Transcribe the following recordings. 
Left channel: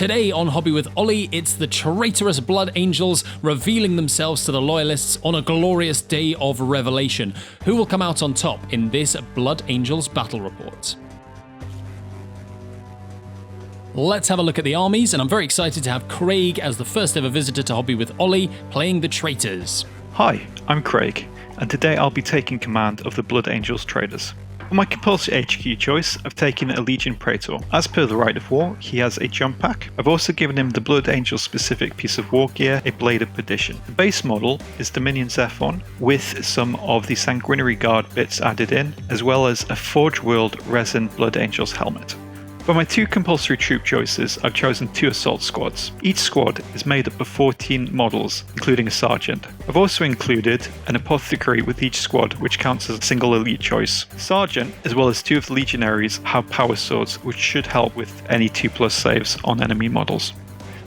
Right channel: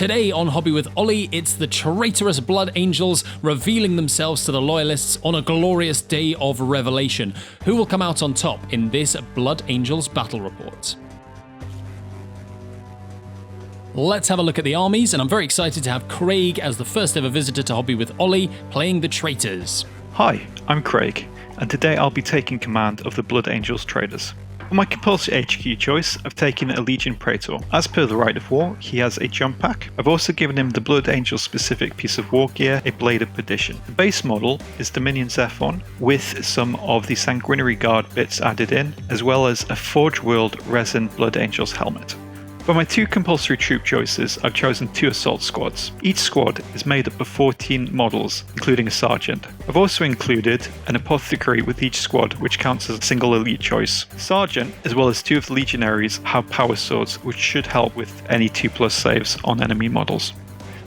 Today on Hobby with Ollie, it's the traitorous Blood Angels revealing themselves to the Loyalists on a glorious day of revelation. Who will come out on top in this Blood Angels battle report? Let's have a look at the armies, and I'm very excited to have Craig as the first ever visitor to Hobby with Ollie, playing the Traitors. Hi, I'm Craig, and today I'll be taking command of the Blood Angels Traitors. For my compulsory HQ choice, I've taken a Legion Praetor. As per the Rite of War, he has a jump pack. I've also given him the Blood Angel specific piece of war gear, a Blade of Perdition. The base model is Dominion Zephon, with some of the Sanguinary Guard bits added in, as well as a Forge World Resin Blood Angels helmet. For my two compulsory troop choices, I've chosen 2 assault squads. Each squad is made up of 14 models, including a sergeant. I've also included an apothecary with each squad, which counts as a single elite choice. Sergeant, as well as 2 of the legionaries, have power swords, which should help with any 2+ saves on enemy models.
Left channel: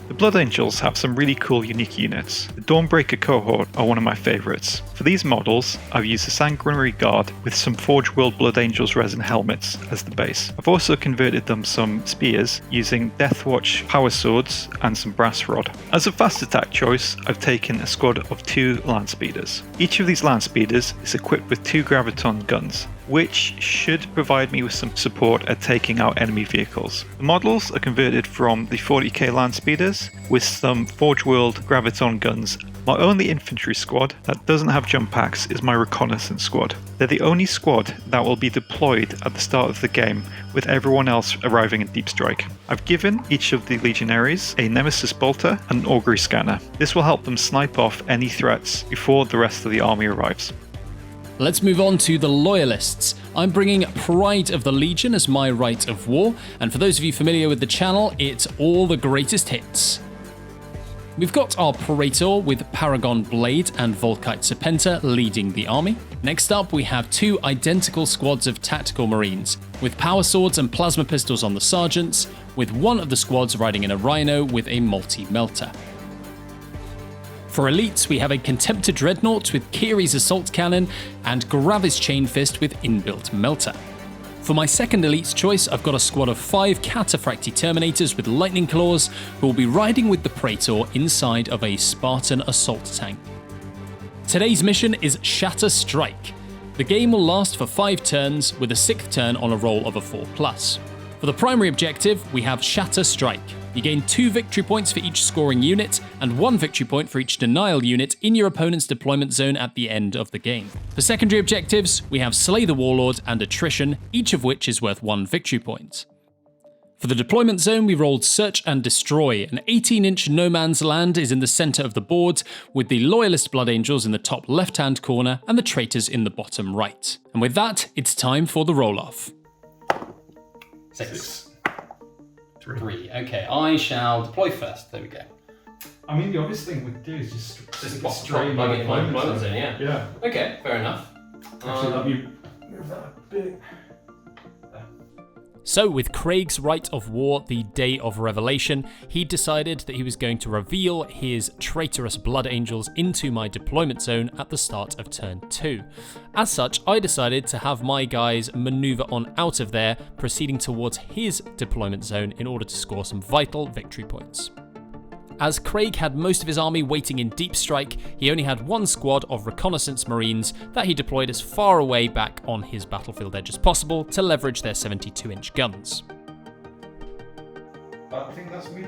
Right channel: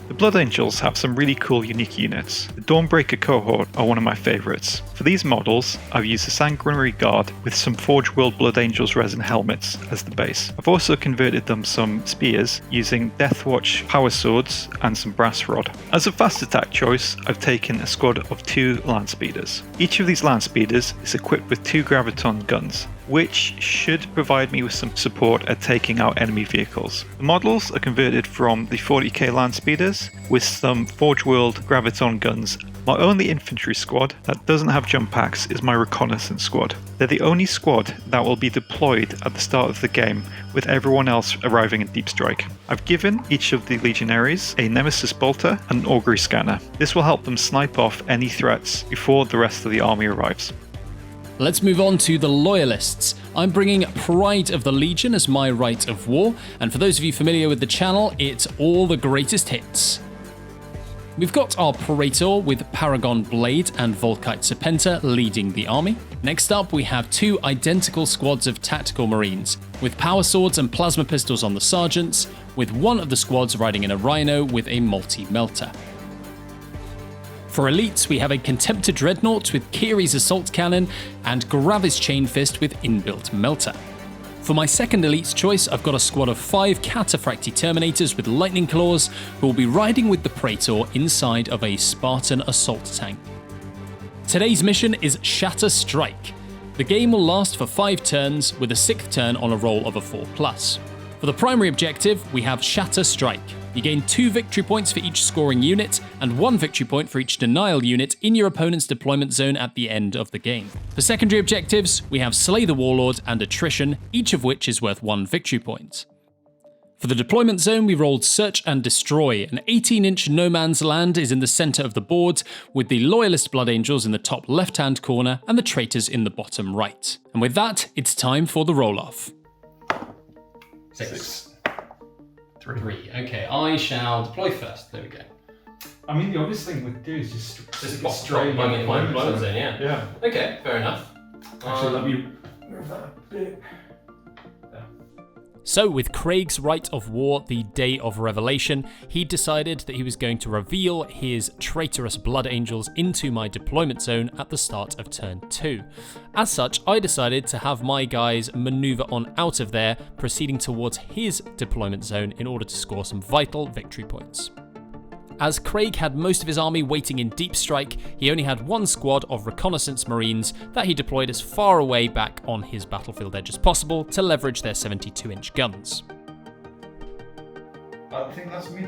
The Blood Angels have some really cool unique units. The Dawnbreaker cohort are one of my favourites. For these models, I've used the Sanguinary Guard with some Forge World Blood Angels resin helmets as the base. I've also converted them some spears using Deathwatch power swords and some brass rod. As a fast attack choice, I've taken a squad of 2 land speeders. Each of these land speeders is equipped with 2 graviton guns, which should provide me with some support at taking out enemy vehicles. The models are converted from the 40k land speeders with some Forge World graviton guns. My only infantry squad that doesn't have jump packs is my reconnaissance squad. They're the only squad that will be deployed at the start of the game, with everyone else arriving in deep strike. I've given each of the legionaries a Nemesis bolter and an augury scanner. This will help them snipe off any threats before the rest of the army arrives. Let's move on to the Loyalists. I'm bringing Pride of the Legion as my Rite of War, and for those of you familiar with the channel, it's all the greatest hits. We've got our Praetor with Paragon Blade and Volkite Serpenta leading the army. Next up, we have 2 identical squads of Tactical Marines, with power swords and plasma pistols on the sergeants, with one of the squads riding in a Rhino with a multi-melter. For elites, we have a Contemptor Dreadnought with Kiri's Assault Cannon and Gravis Chain Fist with inbuilt melter. For my second elites choice, I've got a squad of 5 Cataphracti Terminators with Lightning Claws who will be riding with the Praetor inside of a Spartan assault tank. Today's mission is Shatter Strike. The game will last for 5 turns with a 6th turn on a roll of a 4+. For the primary objective, we have Shatter Strike. You gain 2 victory points for each scoring unit, and 1 victory point for each denial unit in your opponent's deployment zone at the end of the game. For secondary objectives, we have Slay the Warlord and Attrition, each of which is worth 1 victory point. For the deployment zone, we rolled Search and Destroy. An 18-inch no man's land is in the centre of the board, with the Loyalist Blood Angels in the top left-hand corner and the Traitors in the bottom right. And with that, it's time for the roll-off. 6. 3. Okay, I shall deploy first. There we go. I mean, the obvious thing we'd do is just straight in the deployment zone, yeah. Yeah. Okay, fair enough. Actually, let me move that a bit. So with Craig's Rite of War, the Day of Revelation, he decided that he was going to reveal his traitorous Blood Angels into my deployment zone at the start of turn 2. As such, I decided to have my guys maneuver on out of there, proceeding towards his deployment zone in order to score some vital victory points. As Craig had most of his army waiting in deep strike, he only had 1 squad of reconnaissance marines that he deployed as far away back on his battlefield edge as possible to leverage their 72-inch guns. I think that's me.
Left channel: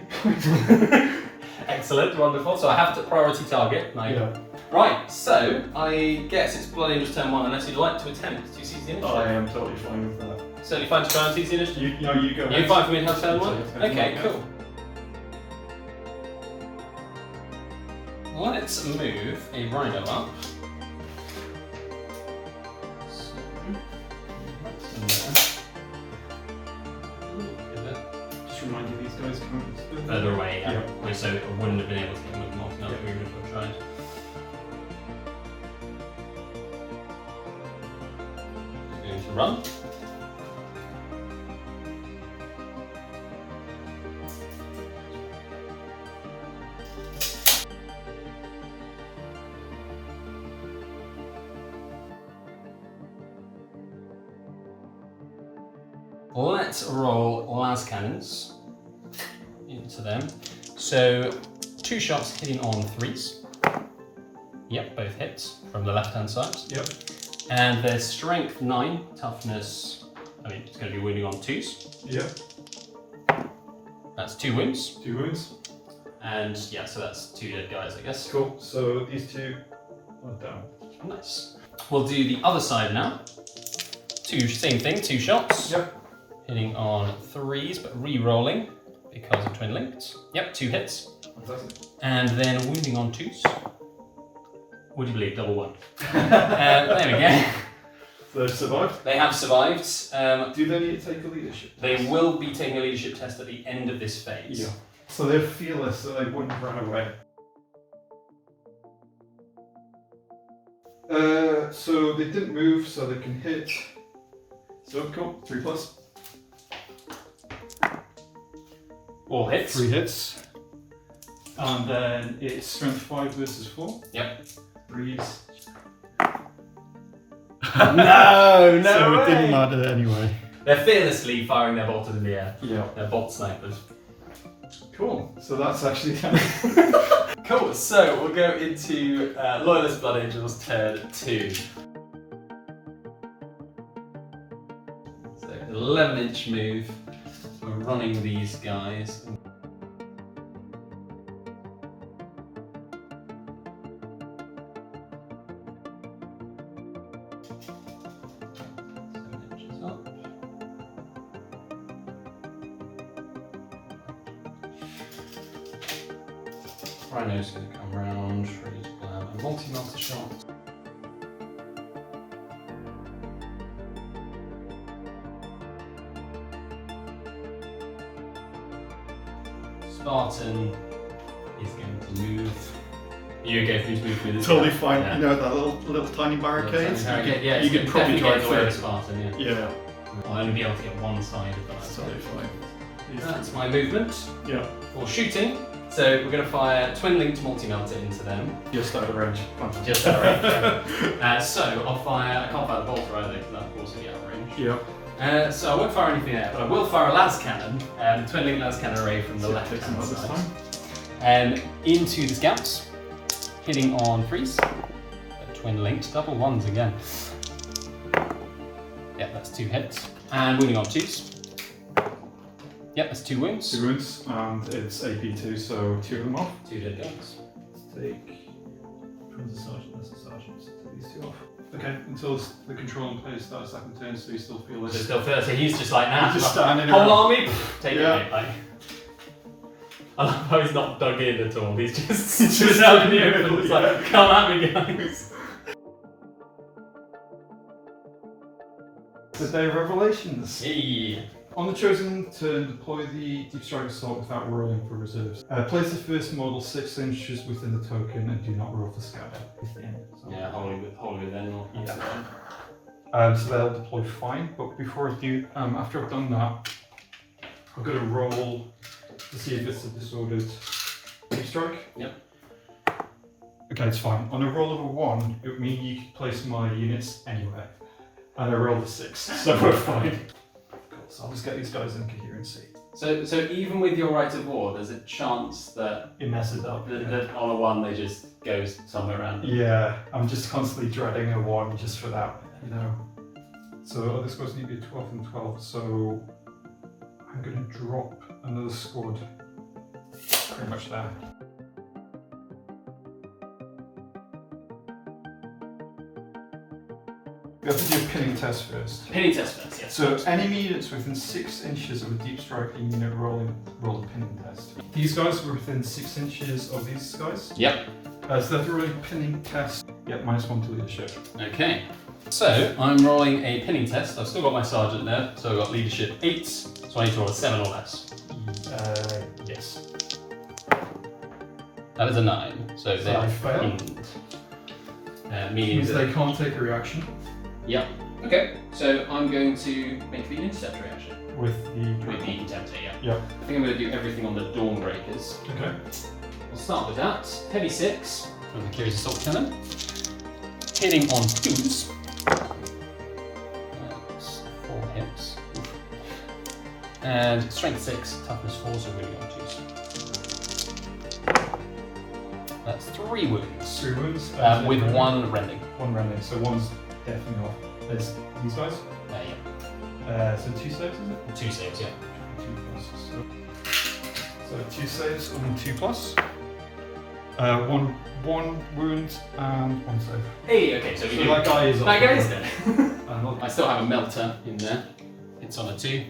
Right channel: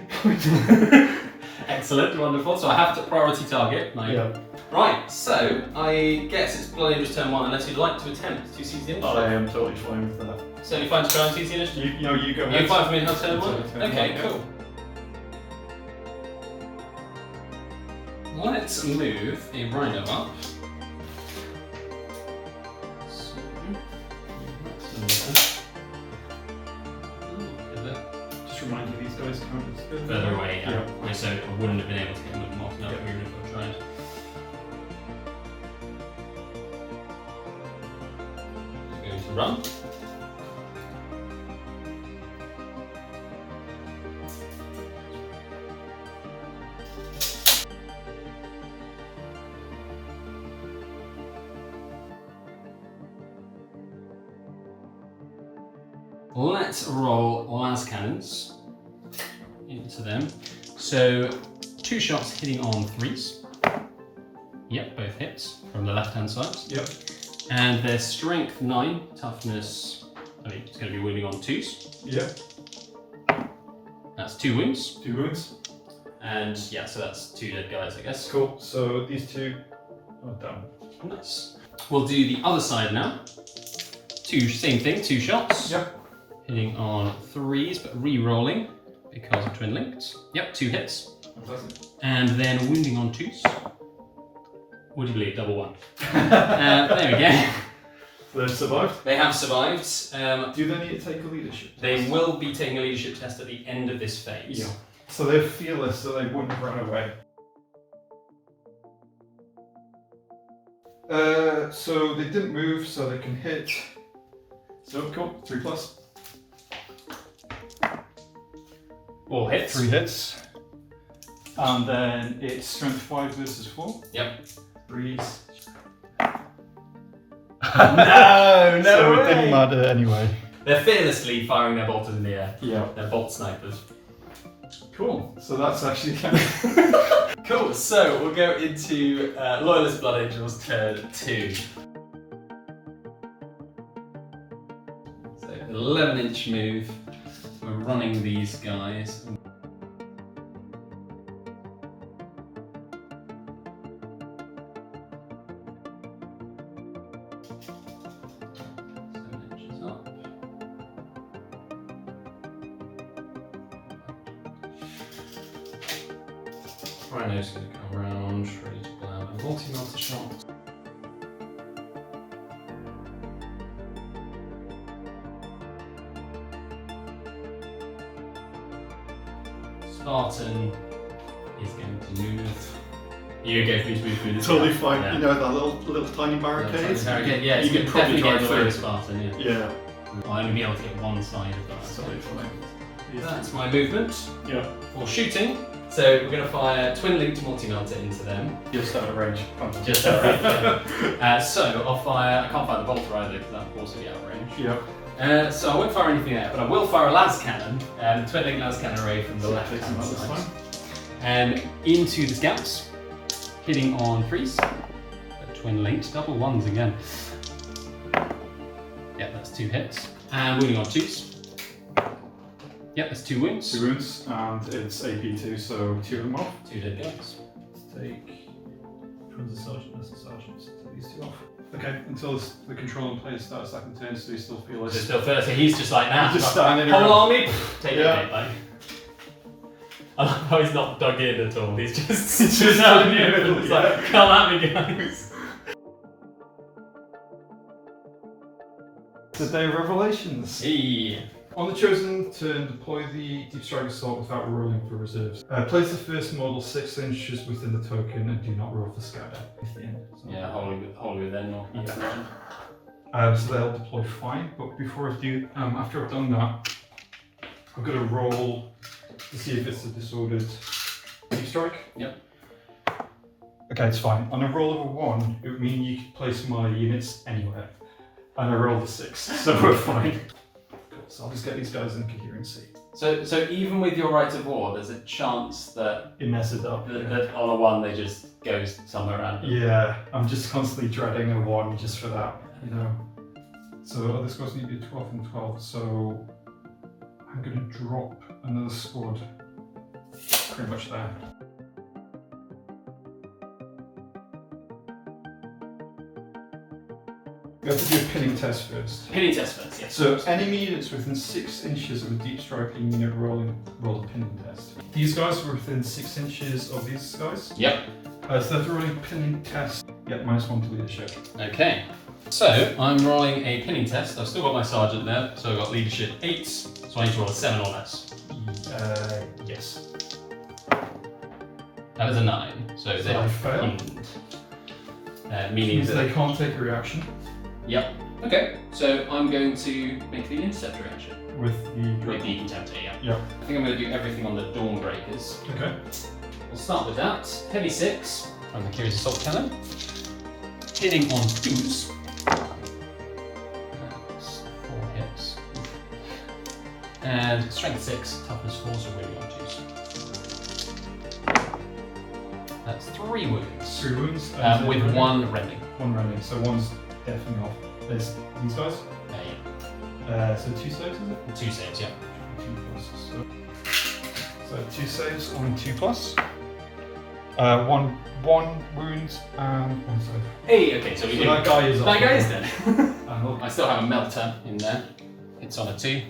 Excellent, wonderful. So I have to priority target. Yeah. Right, so I guess it's Blood Angels turn 1 unless you'd like to attempt to seize the initiative. I am totally fine with that. Certainly fine to try and seize the initiative? You go. You're fine for me to have turn 1? Okay, Okay, cool. Let's move a Rhino up. Just remind me these guys come Further away, Yeah. so I wouldn't have been able to get them with them off another period if I tried. Going to run. Let's roll las cannons into to them. So 2 shots hitting on 3s. Yep, both hits from the left-hand side. Yep. And their strength 9, toughness, I mean, it's going to be wounding on 2s. Yep. That's 2 wounds. 2 wounds. And yeah, so that's 2 dead guys, I guess. Cool. So these 2 are down. Nice. We'll do the other side now. Same thing, 2 shots. Yep. Hitting on 3s, but re-rolling because of twin linked. Yep, 2 hits. Fantastic. And then wounding on 2s. Would you believe, double 1. There we go. So they've survived. They have survived. Do they need to take a leadership test? They will be taking a leadership test at the end of this phase. Yeah. So they're fearless, so they wouldn't run away. So they didn't move, so they can hit. So cool, 3+. All hits. 3 hits. And then it's strength 5 versus 4. Yep. Breeze. No, So way. it didn't matter anyway. They're fearlessly firing their bolters in the air. Yeah. They're bolt snipers. Cool. So that's actually Cool, so we'll go into Loyalist Blood Angels turn 2. So 11-inch move. We're running these guys. Rhino's going to come around, ready to grab a multi-melter shot. Spartan is going to move. You go for me to move through this. totally gap. fine. Yeah. You know that little tiny barricade? Yeah, you can probably definitely drive get in the way through. of Spartan, yeah. Yeah. I'll only be able to get one side of that. Totally fine. That's my movement Yeah. for shooting. So we're going to fire twin linked multi-melter into them. Just out of range. Just out of range. So I'll fire, I can't fire the bolter either because that will also be out of range. Yeah. So I won't fire anything there, but I will fire a las cannon, twin link las cannon array from the left hand side. Into the scouts, hitting on 3s. Twin linked, double 1s again. Yeah, that's 2 hits. And wounding on 2s. Yep, that's 2 wounds. 2 wounds, and it's AP2, so 2 of them off. 2 dead guys. Let's take from the sergeant, that's the sergeant. Take these 2 off. Okay, until the controlling player starts second turn, so you still feel So this. still first, so he's just like now. He's just standing whole around. army, take Yeah. it, mate. Like. I love how he's not dug in at all. He's just out in the open. It's like, come at me, guys. The Day of Revelations. Hey. On the chosen turn, deploy the Deep Strike Assault without rolling for reserves. Place the first model 6 inches within the token and do not roll for scatter within. So. Yeah, wholly within. Or So they'll deploy fine, but before I do, after I've done that, I've got to roll to see if it's a disordered Deep Strike. Yep. Okay, it's fine. On a roll of a 1, it would mean you could place my units anywhere. And I rolled a 6, so we're fine. Cool, so I'll just get these guys in coherency. So even with your right of war, there's a chance that, It messes up. that on a 1 they just goes somewhere random. Yeah, I'm just constantly dreading a 1 just for that, you know. So this goes need to be 12 and 12, so I'm going to drop another squad pretty much there. We have to do a pinning test first. Pinning test first, yes. So enemy units within 6 inches of a deep striking unit roll a pinning test. These guys were within 6 inches of these guys. Yep. So they have to roll a pinning test. Yep, -1 to leadership. Okay. So I'm rolling a pinning test. I've still got my sergeant there, so I've got leadership 8. So I need to roll a 7 or less. Yes. That is a 9. So they are fail. pinned. Meaning Means that they can't take a reaction Yep. Okay, so I'm going to make the intercept reaction. with With the the contemptor, yeah. Yep. I think I'm going to do everything on the Dawnbreakers. Okay. We'll start with that. Heavy 6 from the Curious Assault Cannon. Hitting on 2s. That's 4 hits. And strength 6, toughness 4, so really on 2s. 3 wounds. 3 wounds. With 1 rending. 1 rending, so 1's definitely off. There's these guys. So 2 saves, is it? 2 saves, yeah. 2 plus. So 2 saves on 2 plus. 1 wound and 1 save. Hey, okay, so we that guy is off. That guy is dead. I I still have a melter in there. It's on a 2.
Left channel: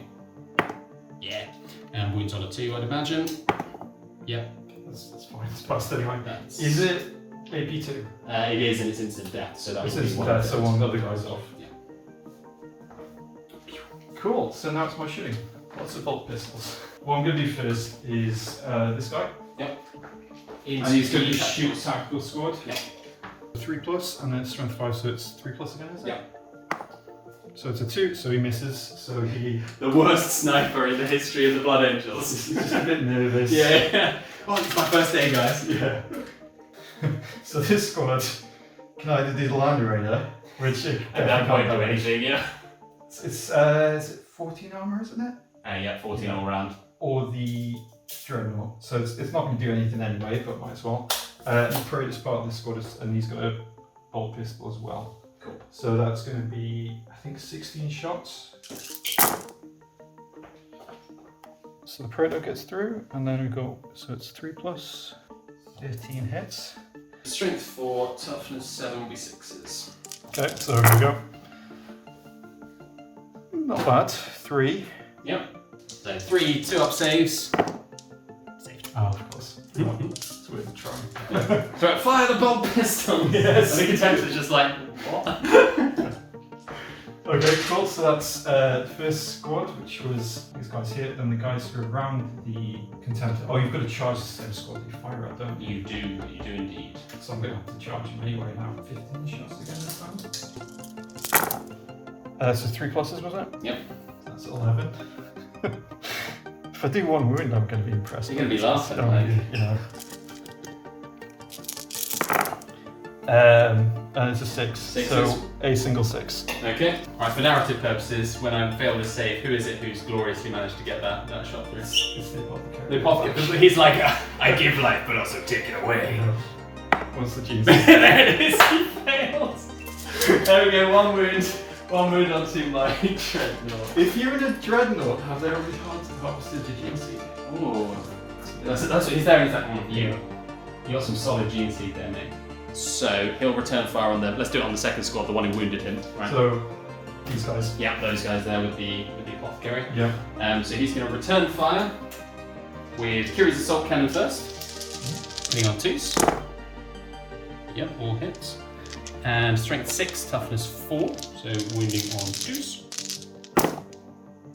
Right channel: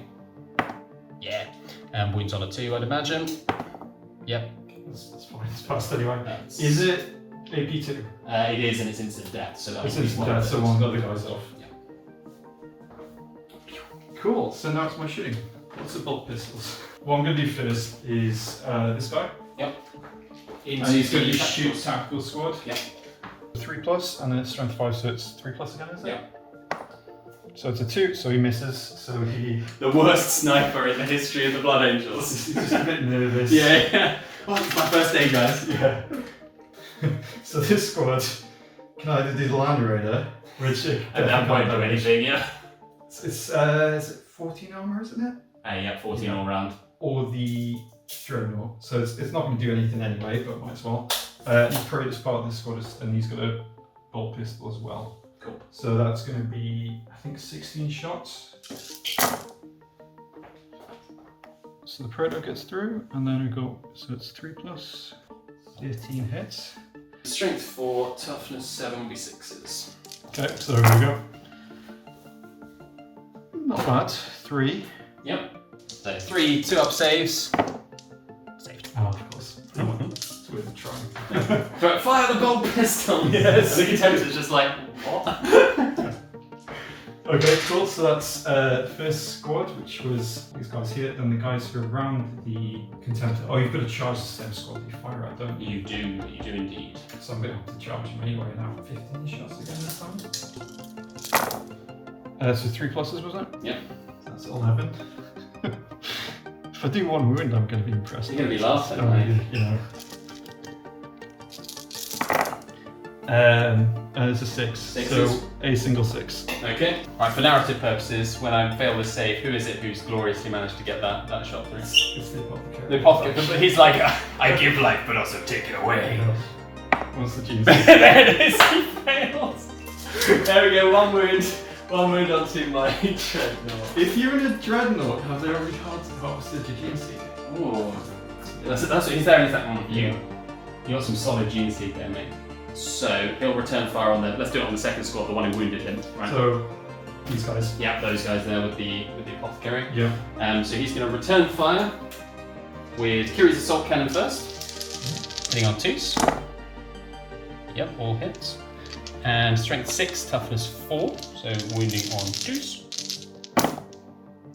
Yeah. And wounds on a 2, I'd imagine. Yep. That's fine, it's passed anyway. That's... Is it AP2? It is, and it's instant death, so that's It's instant death, so one of the guys off. Yeah. Cool, so now it's my shooting. Lots of bolt pistols. What I'm going to do first is this guy. Yep. And he's going to shoot tactical squad. Yep. 3 plus, and then it's strength 5, so it's 3 plus again, is it? Yep. So it's a 2, so he misses, so he... The worst sniper in the history of the Blood Angels. He's just a bit nervous. Yeah. Oh, it's my first day, guys. Yeah. So this squad can either do the Land Raider, which it At that point, do anything, yeah. It's is it 14 armor, isn't it? Yeah, 14 all round. Or the Dreadnought. So it's not going to do anything anyway, but might as well. The Pro is part of this squad, and he's got a bolt pistol as well. Cool. So that's going to be, I think, 16 shots. So the Predator gets through, and then we go, so it's 3 plus, 13 hits. Strength 4, toughness 7 will be 6s. Okay, so here we go. Not bad. 3. Yep. So 3 2-up saves. Saved. Oh, of course. It's worth trying. So fire the bolt pistol! Yes. And the contemptor's just like, what? Okay, cool. So that's the first squad, which was these guys here, then the guys who are around the contemptor. Oh, you've got to charge the same squad you fire at, don't you? You do indeed. So I'm going to have to charge him anyway and have 15 shots again this time. So 3 pluses, was it? Yep. That's 11. If I do 1 wound, I'm going to be impressed. You're going to be laughing, You know. And it's a 6. Sixes. So a single 6. Okay. Right, for narrative purposes, when I fail this save, who is it who's gloriously managed to get that shot through? It's the apothecary. The apothecary. He's like, I give life, but also take it away. What's the gene? There it is, he fails. There we go, 1 wound. 1 wound onto my Dreadnought. If you're in a Dreadnought, have they already harvested your gene seed? Ooh. That's what he's there and he's like, you got some solid gene seed there, mate. So he'll return fire on the. Let's do it on the second squad, the one who wounded him. Right. So these guys. Yeah, those guys there with the apothecary. Yeah. So he's going to return fire with Kiri's assault cannon first, hitting on 2s. Yep, all hits. And strength 6, toughness 4, so wounding on 2s.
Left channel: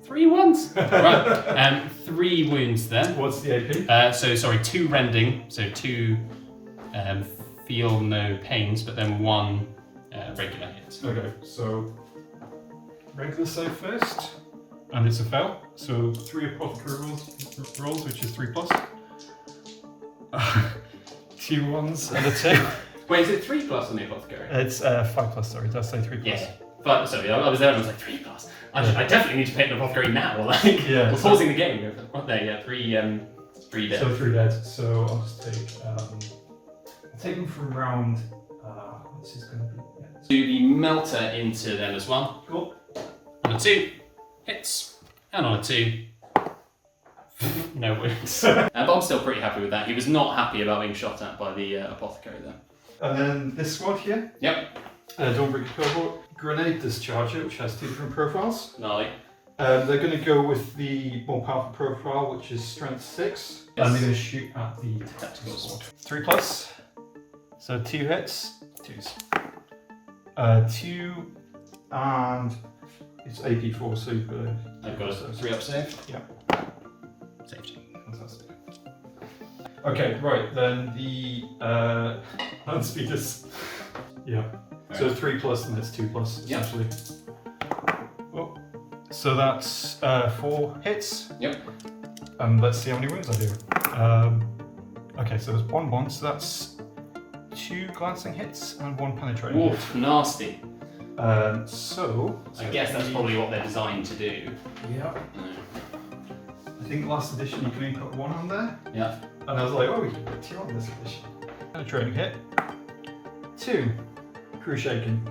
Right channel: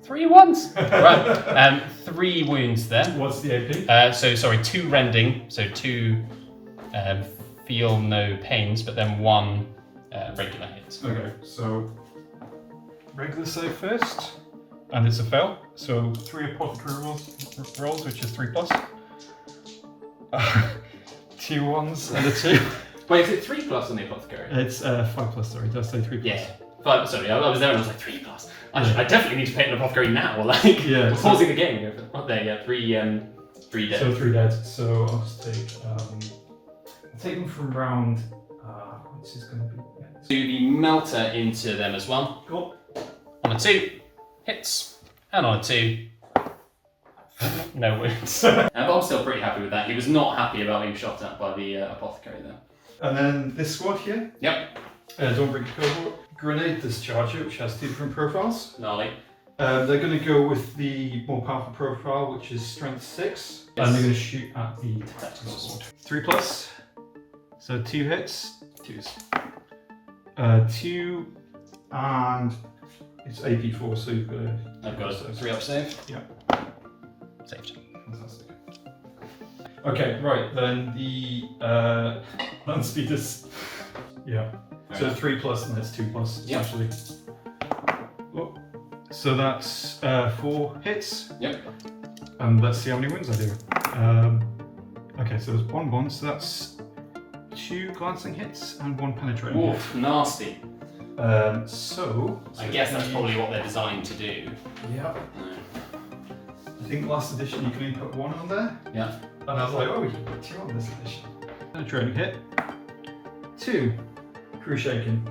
3 1s. Right. 3 wounds there. What's the AP? So sorry, 2 rending, so 2 feel no pains, but then 1 regular hit. Okay, so regular save first, and it's a fail. So 3 apothecary rolls, which is 3 plus. 2 1s and a 2. Wait, is it 3 plus on the apothecary? It's 5 plus. Sorry, did I say 3 plus? Yeah. But sorry, I was there and I was like 3 plus. I definitely need to paint an apothecary now. Like, Yeah, we're pausing the game. Not there, yeah. 3 dead. So 3 dead. So I'll just take. I'll take them from round. What's this going to be? Do the melter into them as well. Cool. On a 2, hits, and on a 2, no wounds. But I'm still pretty happy with that. He was not happy about being shot at by the apothecary there. And then this squad here. Yep. Don't break the cohort. Grenade discharger, which has 2 different profiles. Gnarly. They're going to go with the more powerful profile, which is strength 6, Yes. and they're going to shoot at the tactical Tactical squad. 3 plus, so 2 hits. 2s. 2, and it's AP4, so you've got a... I've got a 3-up save. Yeah. Saved. Fantastic. Okay, right, then the land speeders. Yeah. So 3 plus and that's 2 plus, Yeah. essentially. Oh. So that's 4 hits. Yep. And let's see how many wins I do. Okay, so there's 1 1, so that's 2 glancing hits and 1 penetrating. Oof, nasty. So I guess that's probably what they're designed to do. Yeah. I think last edition you can only put 1 on there. Yeah. And I was like, oh, you can put 2 on this edition. A training hit. 2. Crew shaking.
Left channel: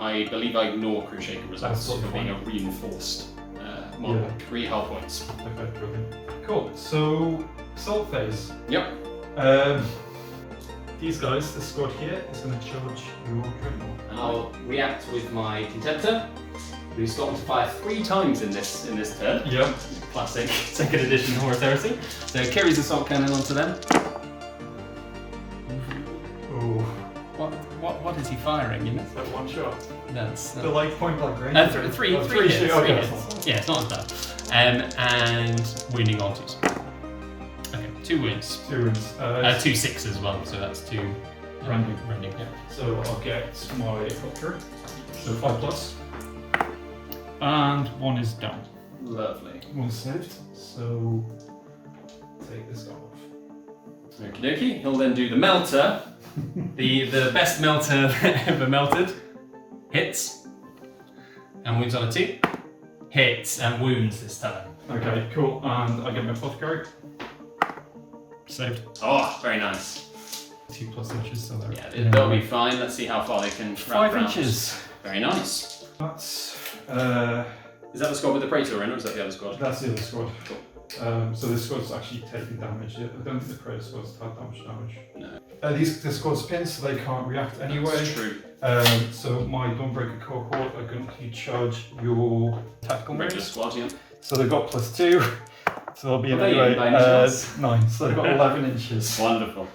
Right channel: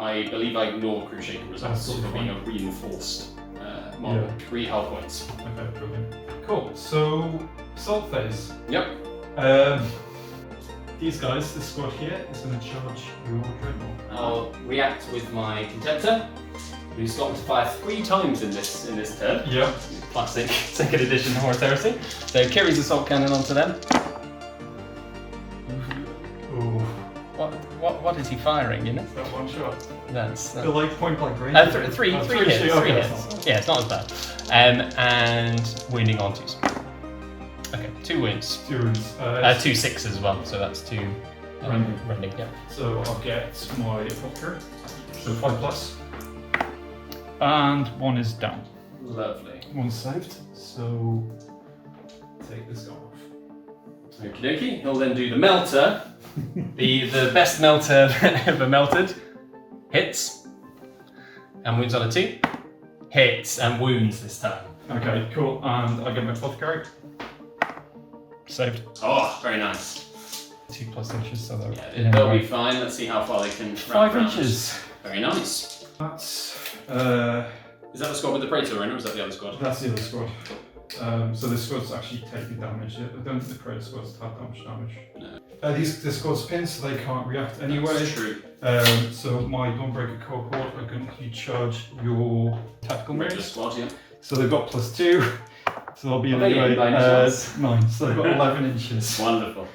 I believe I ignore crew shaking results That's for being a fine. reinforced model. Yeah. 3 health points. Okay, brilliant. Cool. So, assault phase. Yep. These guys, this squad here, is going to charge your Dreadnought. I'll react with my Contemptor, who's gotten to fire 3 times in this turn. Yep. Classic 2nd edition Horus Heresy. So Kiri's assault cannon onto them. Ooh. What is he firing? You know? Is that one shot? That's The like point blank range? three Oh, hits. hits. Three Okay. hits. Yeah, it's not as bad. And wounding onto us. Okay, 2 wounds. 2 wounds. 2 6s as well, so that's 2 Rending. rending. Yeah. So I'll get my Hooker. So 5 plus. And 1 is down. Lovely. 1 saved. So take this guy off. Okie dokie. He'll then do the melter. the best melter ever melted. Hits. And wounds on a 2. Hits and wounds this time. Okay, cool. And I get my Apothecary. Saved. Oh, very nice. 2 plus inches, so they're Yeah, they'll be fine. Let's see how far they can. 5 run. inches. Very nice. That's Is that the squad with the Praetor runner, or is that the other squad? that's the other squad. So this squad's actually taking damage. I don't think the Predator squad's had that much damage. No. This squad's pinned, so they can't react anyway. That's true. So my Dawnbreaker cohort are going to charge your tactical Regular mates. squad, yeah. So they've got +2. So they'll be Are they anyway. in by any chance? 9. So they've got 11 inches. Wonderful.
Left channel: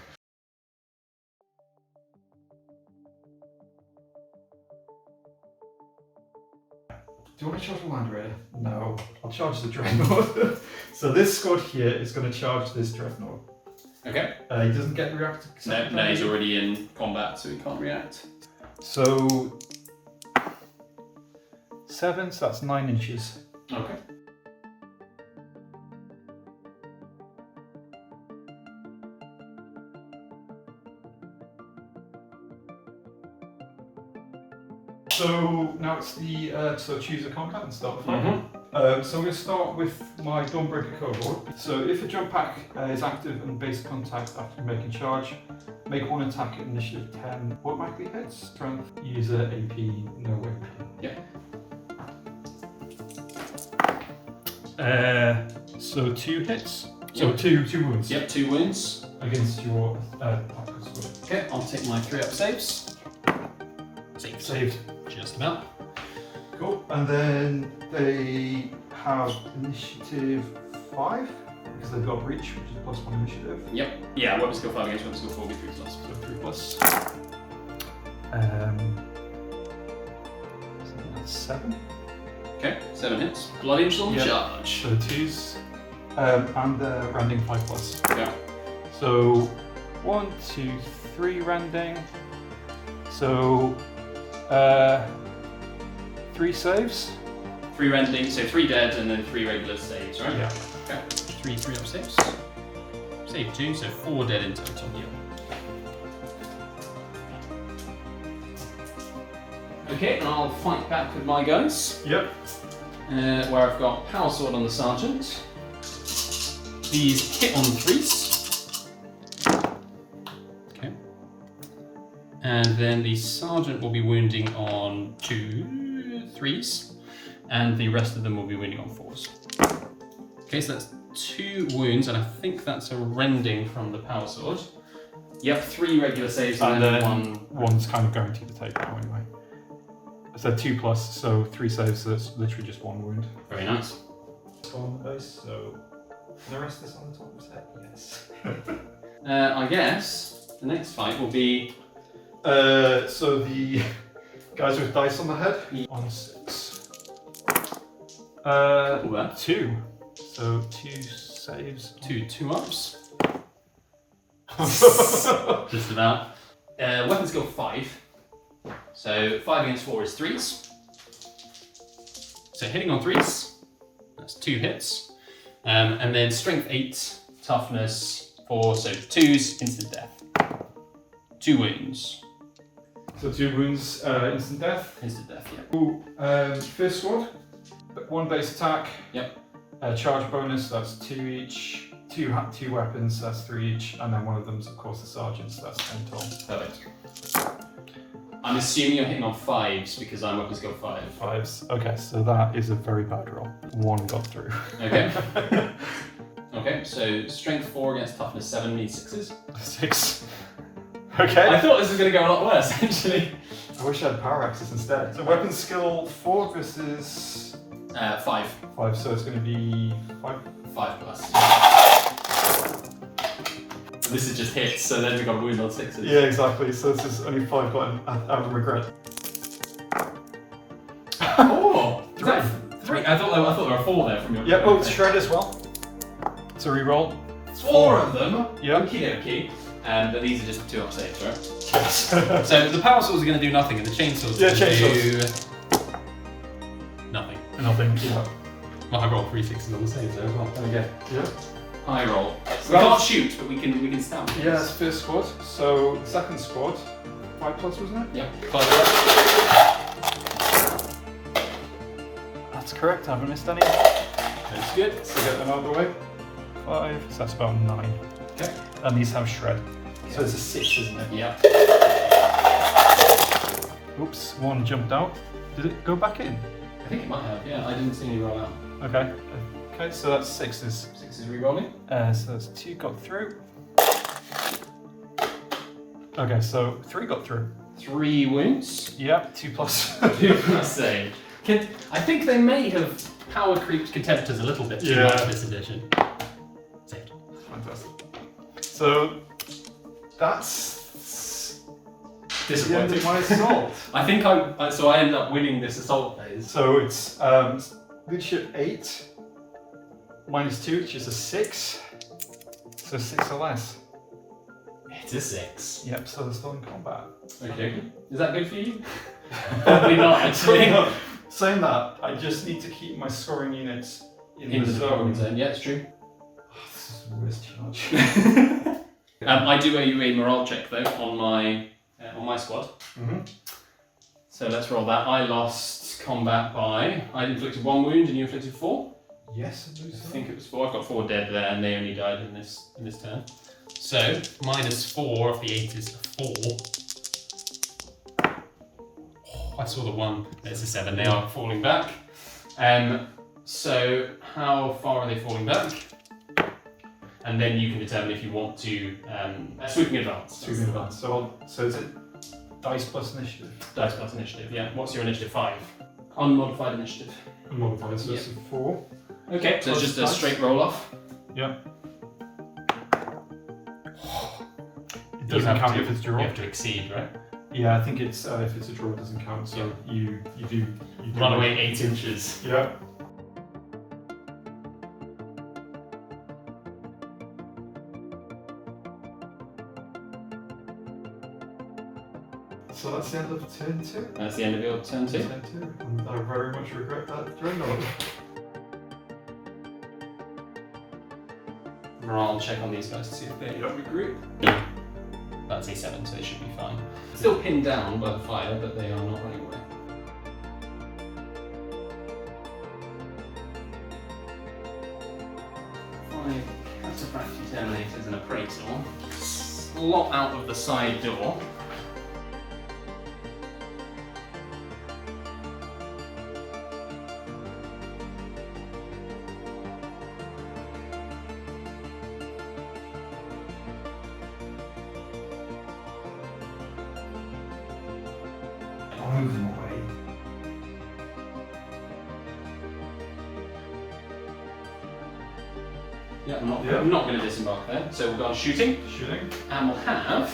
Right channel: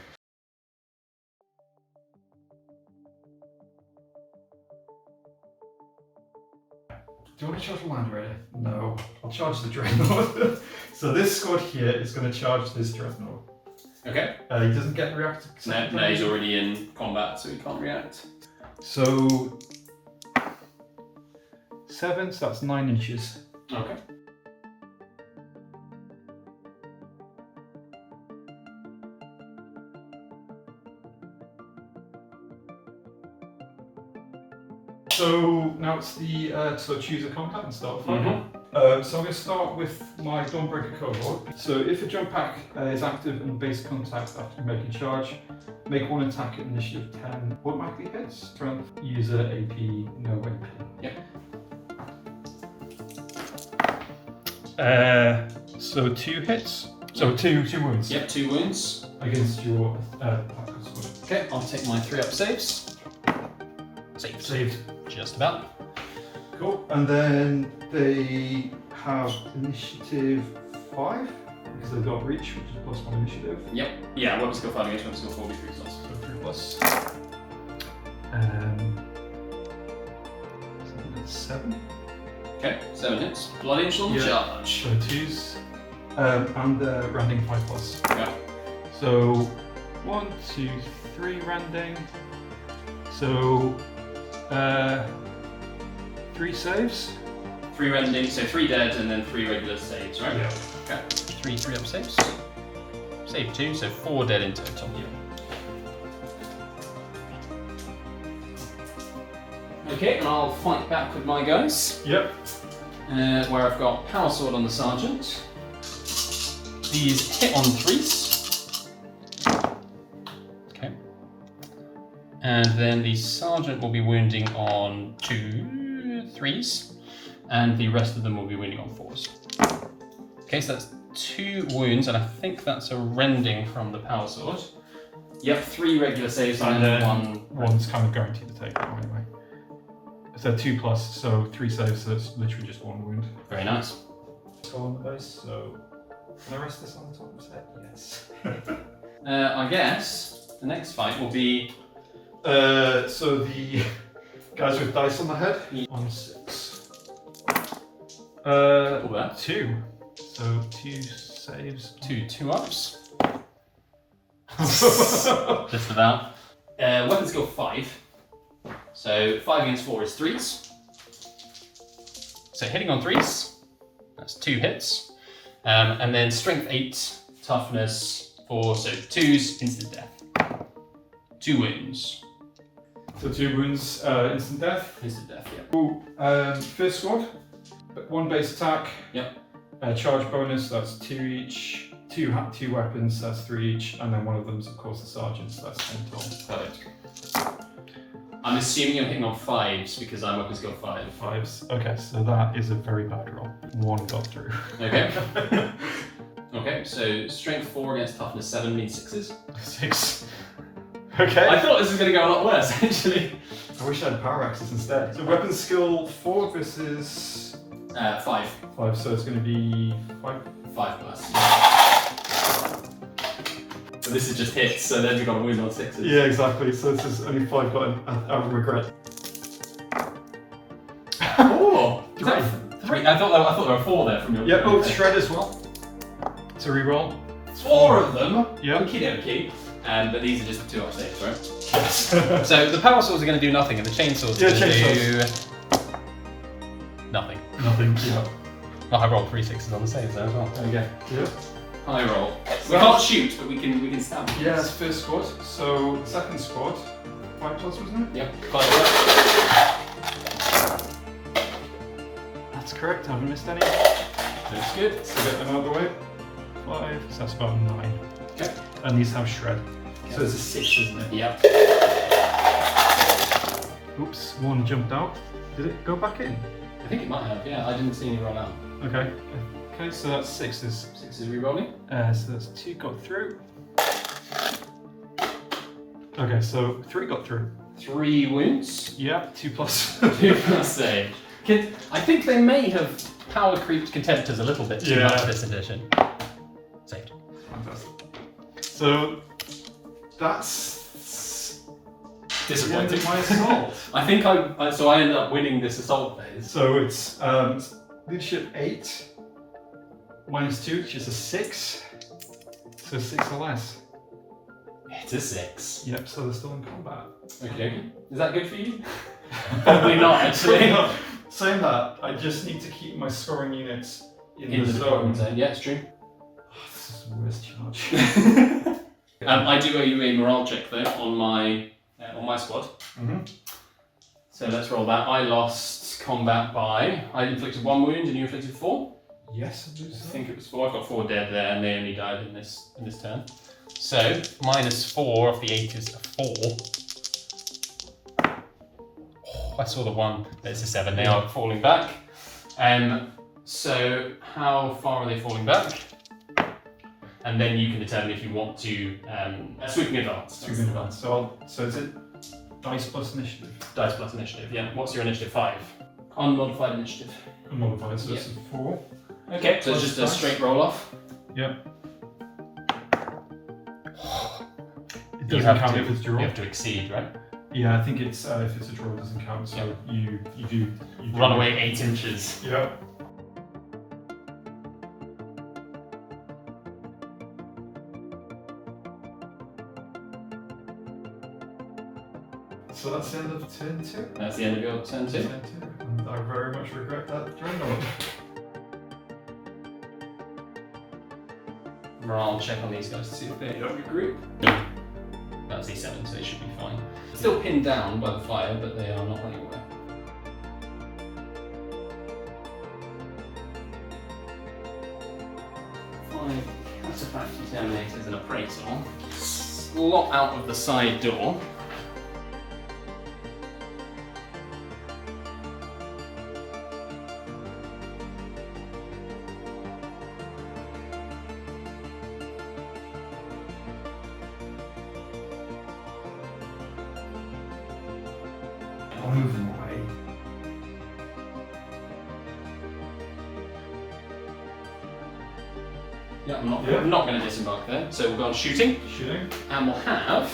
Do you want to charge a land ready? No. I'll charge the Dreadnought. So this squad here is going to charge this Dreadnought. Okay. He doesn't get react. No, he's already in combat, so he can't react. So 7, so that's 9 inches. Okay. So now it's the so choose a combat and start fighting. Mhm. So I'm going to start with my Dawnbreaker cohort. So if a jump pack is active and base contact after making charge, make 1 attack at initiative 10. Automatically hits. Strength, user, AP, no AP. Yeah. So 2 hits. So 2 wounds. Yep, 2 wounds. Against your tactical squad. Okay, I'll take my 3 up saves. Saved. Just about. Cool. And then they have initiative 5 because they've got reach, which is +1 initiative. Yep. Yeah, weapon skill 5 against weapon skill 4 with 3 plus. So 3 plus. 7. Okay, 7 hits. Blood angel Yeah. charge. So 2s. And Randing 5 plus. Yeah. So 1, 2, 3 Randing. So 3 saves. 3 rending, so 3 dead and then 3 regular saves, right? Yeah. Okay. 3 up saves. Save 2, so 4 dead in total. Okay, and I'll fight back with my guys. Yep. Where I've got Power Sword on the Sergeant. These hit on 3s. Okay. And then the Sergeant will be wounding on 2 3s. And the rest of them will be wounding on 4s. Okay, so that's 2 wounds, and I think that's a rending from the Power Sword. Yep, 3 regular saves and then 1. One's kind of guaranteed to take now anyway. So 2 plus, so 3 saves, so it's literally just 1 wound. Very nice. On the base, so can I rest this on the top of his head? Yes. I guess the next fight will be. So the guys with dice on the head. 1 6. Well. 2. So 2 saves. 2 ups. Just about. Weapon skill 5. So 5 against 4 is 3s. So hitting on 3s, that's 2 hits. And then strength 8, toughness 4, so 2s, instant death. 2 wounds. So 2 wounds, instant death. Instant death, yeah. Ooh, first squad, 1 base attack. Yep. Charge bonus, that's 2 each. two weapons, that's 3 each, and then one of them's of course the sergeant's, that's 10 total. Perfect. I'm assuming you're hitting on 5s because I'm weapon skill 5. 5s. Okay, so that is a very bad roll. 1 got through. Okay. Okay, so strength 4 against toughness 7 means 6s. 6. Okay. I thought this was going to go a lot worse, actually. I wish I had power axes instead. So weapon skill 4 versus 5. 5, so it's going to be 5. 5 plus. This is just hits, so then we've got a wound on 6s. Yeah, exactly. So this is only 5, but out of regret. Oh! Is that 3? I thought there were 4 there from your. Yeah, oh, shred as well. So reroll. 4 of them. Yeah. Okie dokie. But these are just 2 up saves, right? Yes. So the power swords are going to do nothing, and the chainsaws are going to do nothing. Nothing. Yeah. Oh, I rolled 3 6s on the saves there as well. There you go. Yeah. High roll. We can't shoot, but we can stab. Yeah, that's first squad. So second squad, 5 plus, wasn't it? Yep. That's correct. I haven't missed any. That's good. So get them out of the way. 5. So that's about 9. Okay. And these have shred. So it's a 6, isn't it? Yep. Oops, 1 jumped out. Did it go back in? I think it might have. Yeah, I didn't see any roll out. Okay. Okay, so that's 6s. 6s rerolling. So that's 2 got through. Okay, so 3 got through. 3 wounds. Yep, 2 plus. 2 plus save. I think they may have power creeped contemptors a little bit too much this edition. Saved. Fantastic. So that's disappointing. the end of my assault. I think so I ended up winning this assault phase. So it's leadership 8 minus 2, which is a 6. So 6 or less. It's a 6. Yep, so they're still in combat. Okay. Is that good for you? Probably not, actually. Saying that, I just need to keep my scoring units In the deployment zone. Yeah, it's true. Oh, this is the worst charge. I do owe you a morale check though on my squad. Mm-hmm. So let's roll that. I lost combat by. I inflicted 1 wound and you inflicted 4. Yes, I do I so. think it was 4. I've got 4 dead there, and they only died in this turn. So minus 4 of the 8 is a 4. Oh, I saw the 1. There's a 7. They are falling back. So how far are they falling back? And then you can determine if you want to sweeping advance. Sweeping advance. So is it dice plus initiative? Dice plus initiative. Yeah. What's your initiative? 5. Unmodified initiative. Unmodified. So it's a 4. Okay. So it's just a straight roll off. Yeah. It doesn't count if it's a draw. You have to exceed, right? Yeah, I think it's if it's a draw, it doesn't count. So you Run away 8 inches. Yeah. So that's the end of turn 2. That's the end of your turn 2. Turn 2. And I very much regret that during the Morale check on these guys to see if they regroup. That's a 7, so they should be fine. Still pinned down by the fire, but they are not running away. Cataphract Examinators and Appraisal. Slot out of the side door. I'll move them away. Yeah, I'm not going to disembark there. So we'll go on shooting. Shooting. And we'll have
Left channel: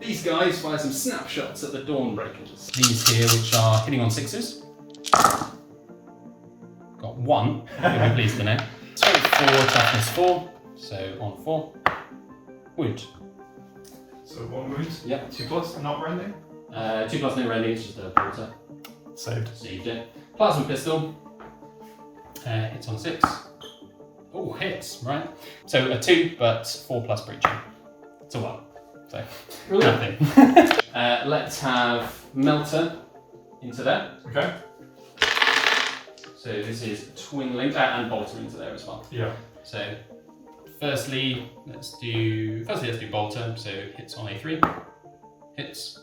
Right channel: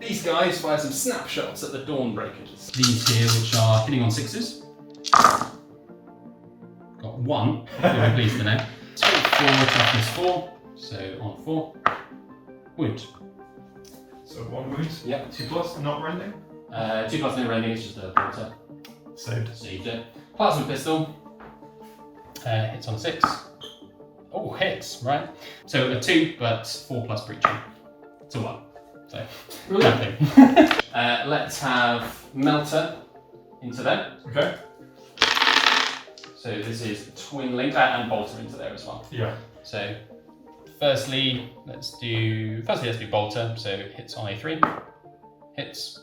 these guys fire some snapshots at the Dawnbreakers. These here, which are hitting on 6s. Got 1, very pleased to know. Strength 4, toughness 4. So on 4. Wound. So 1 wound. Yep. 2 plus, not rending. 2 plus no rending, it's just a water. Saved. Saved it. Plasma pistol. Hits on 6. Oh, hits, right. So a 2, but 4 plus breaching. It's a 1. So, nothing. Let's have Melter into there. Okay. So this is Twin Link, and Bolter into there as well. Yeah. So firstly, let's do Bolter. So hits on a 3, hits,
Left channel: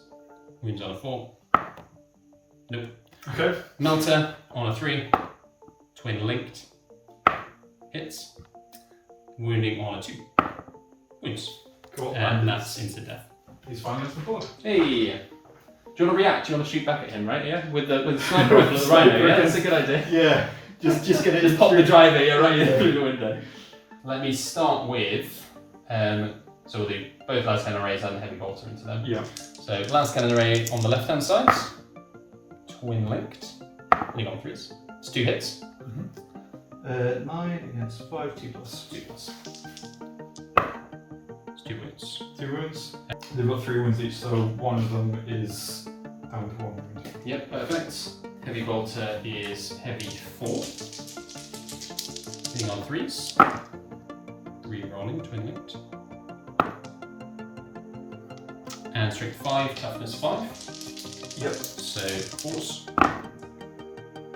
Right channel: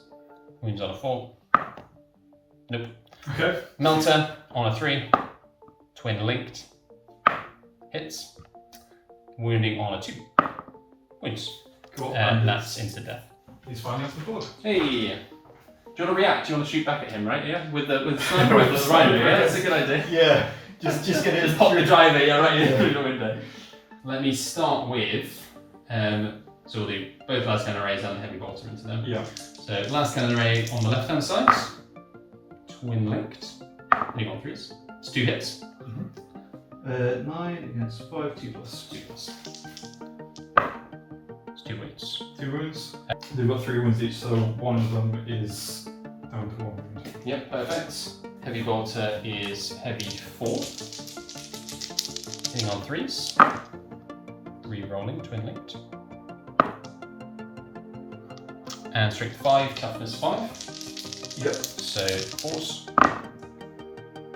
wounds on a 4. Nope. Okay. Melter on a 3, twin linked, hits, wounding on a 2, wounds. Cool. And that's instant death. He's finally off the board. Hey. Do you want to react? Do you want to shoot back at him, right? Yeah, with the sniper rifle at the rhino. Yeah, that's a good idea. Yeah. Just get it. Just pop the driver, yeah, right through the window. Let me start with. So we'll do both last cannon rays and heavy bolter into them. Yeah. So last cannon ray on the left hand side, twin linked, hitting on 3s. It's 2 hits. 9 against 5, 2 plus. 2 plus. It's 2 wounds. 2 wounds. They've got 3 wounds each, so one of them is down to 1 wound. Yep, perfect. Heavy bolter is heavy 4. Hitting on 3s. Re-rolling, twin linked. And strength 5, toughness 5. Yep. So force.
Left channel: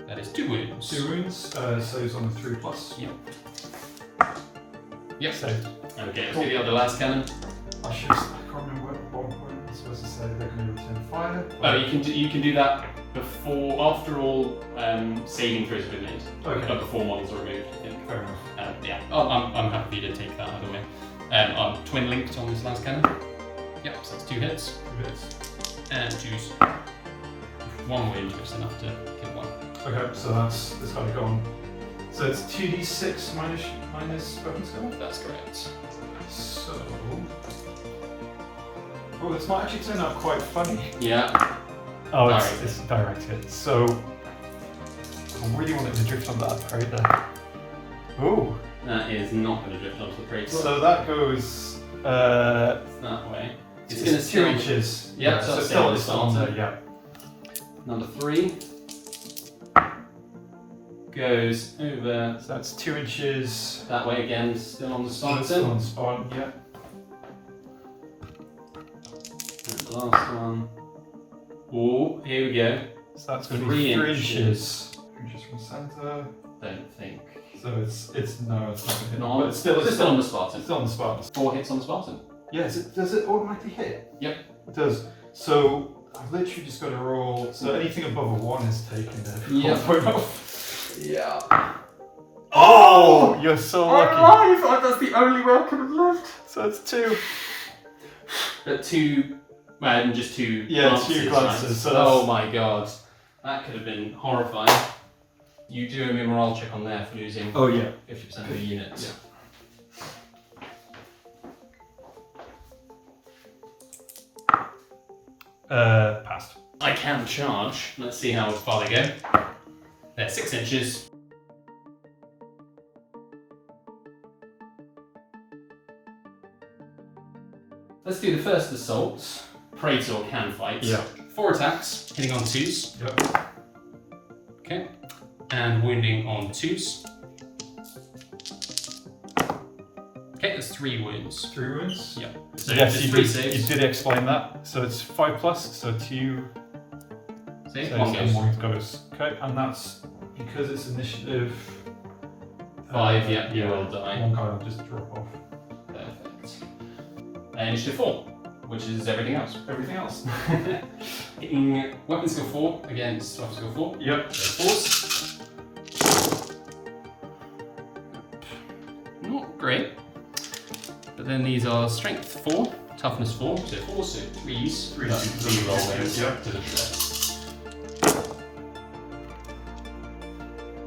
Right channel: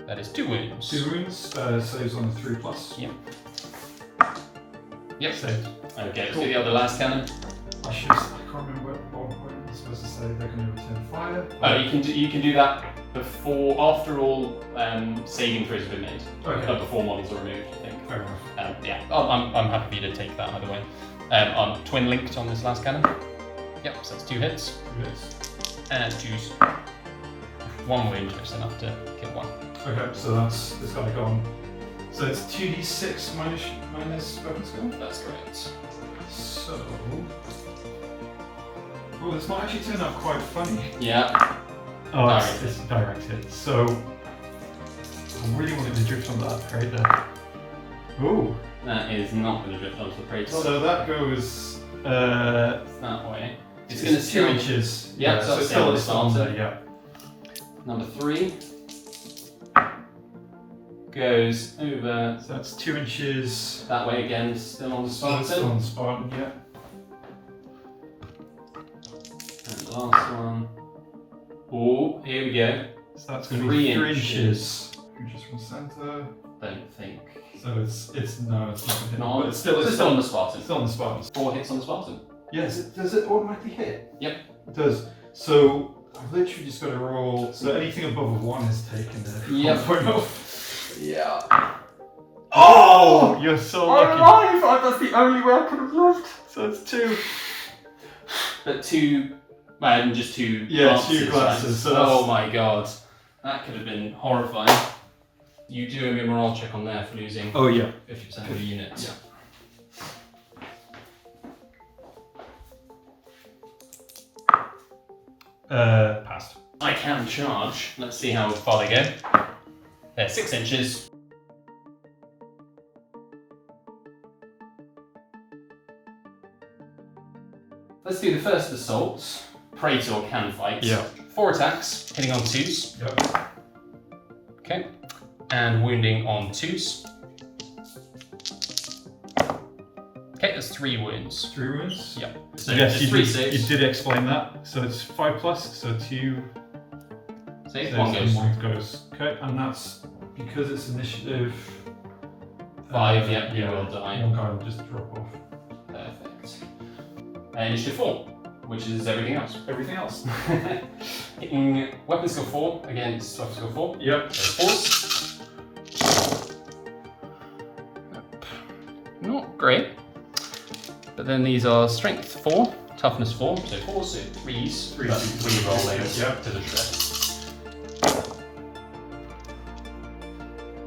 That is 2 wounds. 2 wounds. Saves on the 3 plus. Yep. Yep. Saved. Okay, let's do the other last cannon. I can't remember what I'm supposed to say. They're going to return fire. Oh, you can do that after all saving throws have been made. Okay. Before models are removed, I think. Fair enough. Yeah, I'm happy for you to take that either way. I'm twin linked on this last cannon. Yep, so that's 2 hits. Yes. And choose 1 wound, just enough to kill 1. Okay, so that's this guy gone. So it's 2d6 minus weapon skill? That's correct. So. Oh, this might actually turn out quite funny. Yeah. Oh, Direct it's direct hit. So. I really wanted to drift on that right there. Ooh. That is not going to drift onto the Traitor. So that goes. That way. It's going to 2 inches. Yeah, so it's still on the starter. Yeah. Number 3 goes over So that's 2 inches. that way again, still on the starter. Still on the Spartan, yeah. And the last one. Oh, here we go. So that's going to 3 be 3 inches. inches. 3 inches from center. Don't think. So it's no, it's not going to hit. No, But it's still on the Spartan. It's still on the Spartan. 4 hits on the Spartan. Yes, does it automatically hit? Yep. It does. So I've literally just got to roll. So anything above a 1 is taken there. Yep. Yeah. Oh! You're so lucky. alive! That's the only way I could have lived. So it's 2. But 2, and just 2 Yeah, glances. 2 glances, Right? so that's- oh my god. That could have been horrifying. You do a morale check on there for losing Oh yeah. 50% of the units. Yeah. Passed. I can charge. Let's see how far they go. They're 6 inches. Let's do the first assault. Traitor can fight. Yeah. 4 attacks, hitting on 2s. Yep. Okay. And wounding on 2s. Okay, that's 3 wounds. 3 wounds. Yep. So Yes, it's you 3 did, saves. you did explain that. So it's 5 plus, so 2. See, So 1 goes. 1 goes. Okay, and that's because it's initiative. 5, yeah, you will die. 1 guy will just drop off. Perfect. And initiative 4, which is everything else. Everything else. Hitting weapon skill 4 against weapon skill 4. Yep. So force. Not great. But then these are strength 4, toughness 4, so 4, so 3s. 3 That's 3 rolling. Yep. To the shred.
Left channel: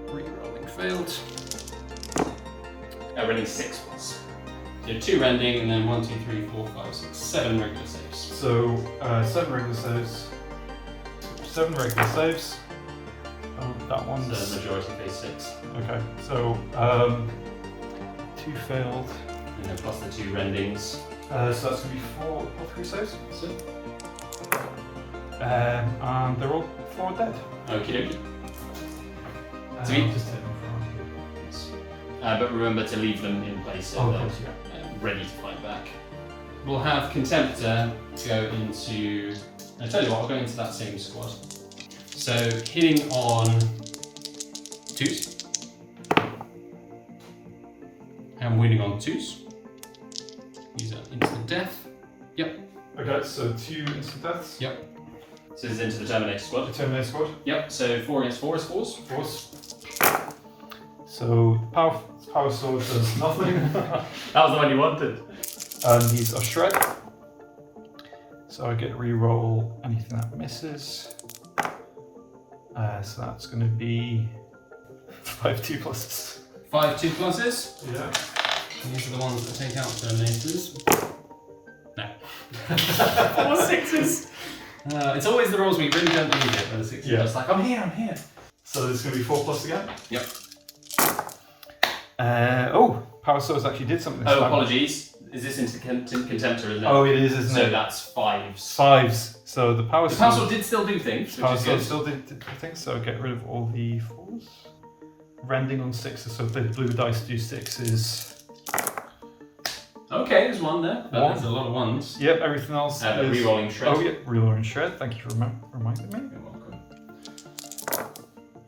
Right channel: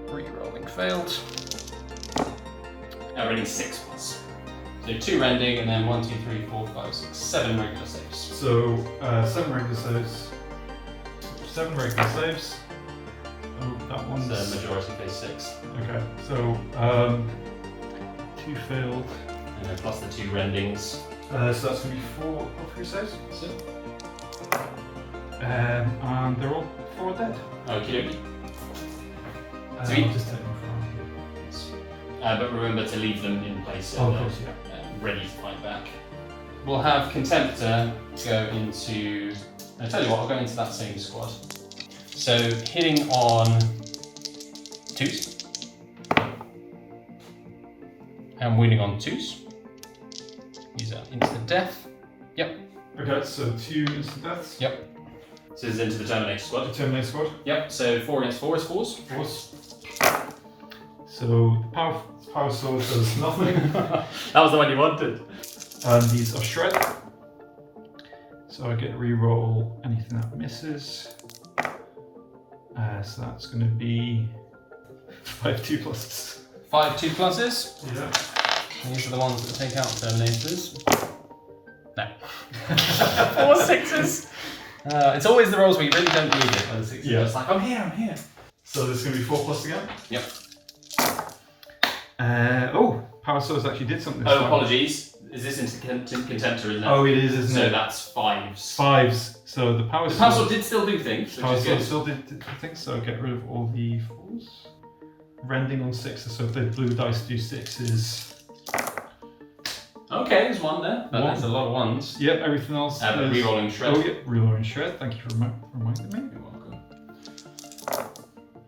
3 rolling failed. Rending 6 plus. So 2 rending and then 1, 2, 3, 4, 5, 6, 7 regular saves. So 7 regular saves. 7 regular saves. That So one's the majority phase 6. okay. So 2 failed. And then plus the 2 rendings. So that's gonna be 4 3 saves. So, And they're all 4 dead. okie dokie. I'll Sweet. just take them But remember to leave them in place so from they're of course, yeah. ready to fight back. We'll have Contemptor go into. I tell you what, we'll go into that same squad. So hitting on 2s and wounding on 2s. These are instant death. Yep. Okay, so 2 instant deaths. Yep. So this is into the Terminator squad. The Terminator squad. Yep, so 4 against 4 is 4s. Of course. So power sword does nothing. That was the one you wanted. And these are shred. So I get re-roll anything that misses. So that's going to be 5 2+. 5 2+s. Yeah. These are the ones that take out Terminators. No. 4 6s. It's always the rolls where you really don't need it. When the 6s Yeah. are just like, I'm here. So this is going to be 4+ again. Yep. Power swords actually did something. Oh, apologies. Is this into contenter, isn't it? Oh, it is, isn't so it? that's 5s. 5s. So the power sword. The power sword did still do things. Power sword still did things. So get rid of all the 4s. Rending on 6s. So if the blue dice do 6s. Okay, there's 1 there. But there's a lot of 1s. Yep, everything else. But rerolling shred. Oh, yeah, rerolling shred. Thank you for reminding me. You're welcome.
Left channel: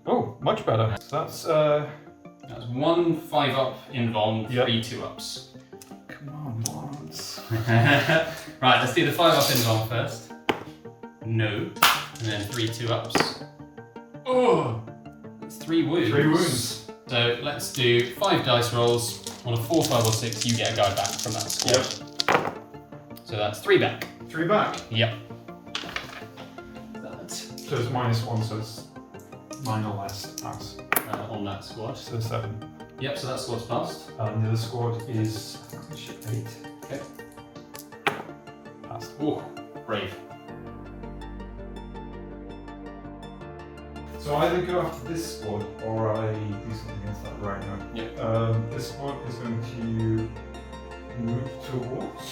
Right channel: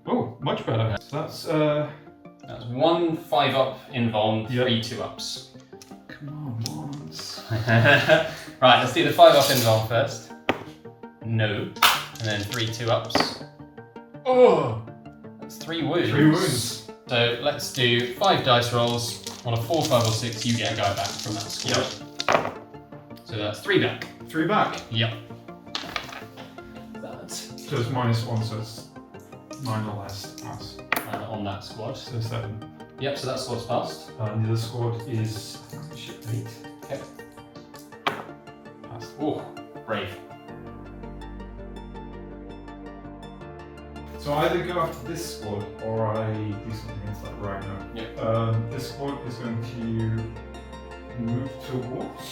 Oh, much better. So that's That's 1 5-up invuln, 3 Yep. 2-ups. come on, Lawrence. Right, let's do the 5-up invuln first. No. And then 3 2-ups. Oh! That's 3 wounds. 3 wounds. So let's do 5 dice rolls. On a 4, 5, or 6, you get a guy back from that squad. Yep. So that's 3 back. 3 back. Yep. That's So it's -1, so it's 9 or less pass. on that squad. So 7. Yep, so that squad's passed. And the other squad is 8. Okay. Pass. Ooh, brave. So I either go after this squad or I do something against that right now. Yep. This squad is going to move towards.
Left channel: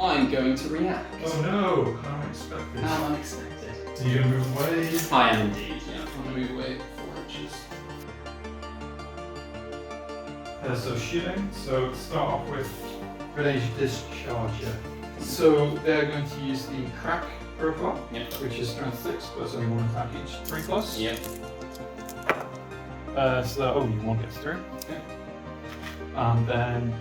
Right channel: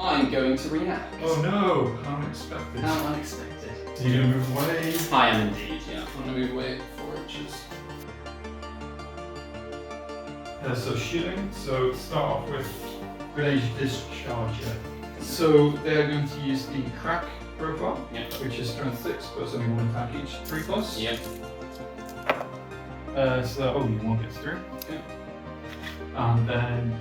I'm going to react. Oh no! Unexpected. How unexpected. So you're going to move away. I am indeed, yeah. I'm going to move away 4 inches. So shooting. So start off with range discharger. So they're going to use the crack profile, Yep. which is strength 6, but it's only 1 attack each, 3+. Yep. So that only 1 extra. Okay. And then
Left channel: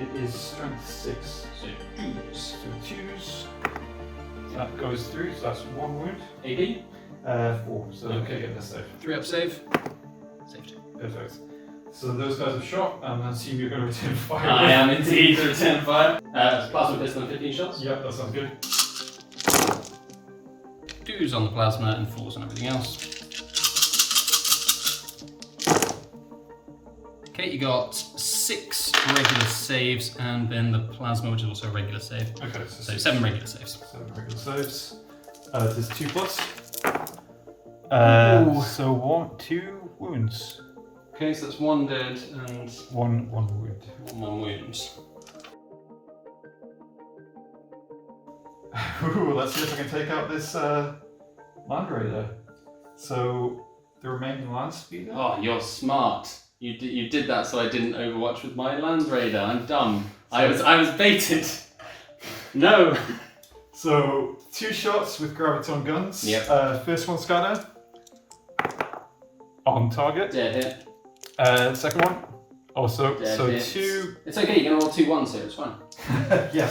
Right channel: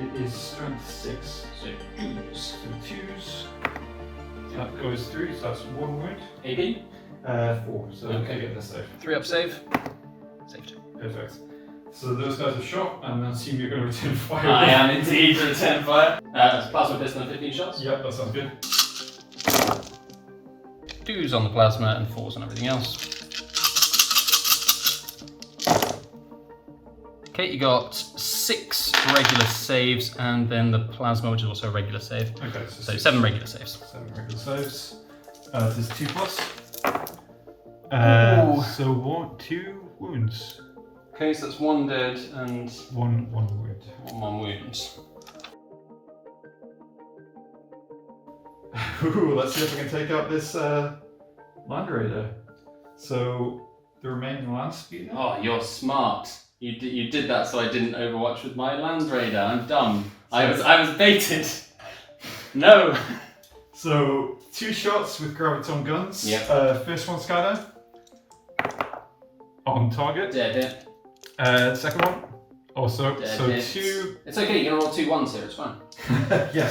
it is strength 6. So 2s. So 2s. That goes through, so that's 1 wound. AB. 4. So Okay. get this safe. 3-up save. Saved. Perfect. So those guys have shot, and I assume you're going to return fire. I am indeed to return fire. That's plasma pistol and 15 shots. Yep, that sounds good. 2s on the plasma and 4s on everything else. Okay, you got 6 regular saves and then the plasma, which is also a regular save. Okay, So 7 regular saves. 7 regular saves. There's 2+. Ooh. So 2 wounds. Okay, so that's 1 dead and 1 wound. 1 wounds. Ooh, let's see if I can take out this Land Raider. So the remaining land speeder. Oh, you're smart. You did that so I didn't overwatch with my Land Raider. I'm dumb. I was baited. No. So 2 shots with graviton guns. Yep. First one scatter. On target. Dead hit. Second one. Also. Dead so hit. 2. It's okay, you're gonna roll 2 1s here, it's fine. Yeah.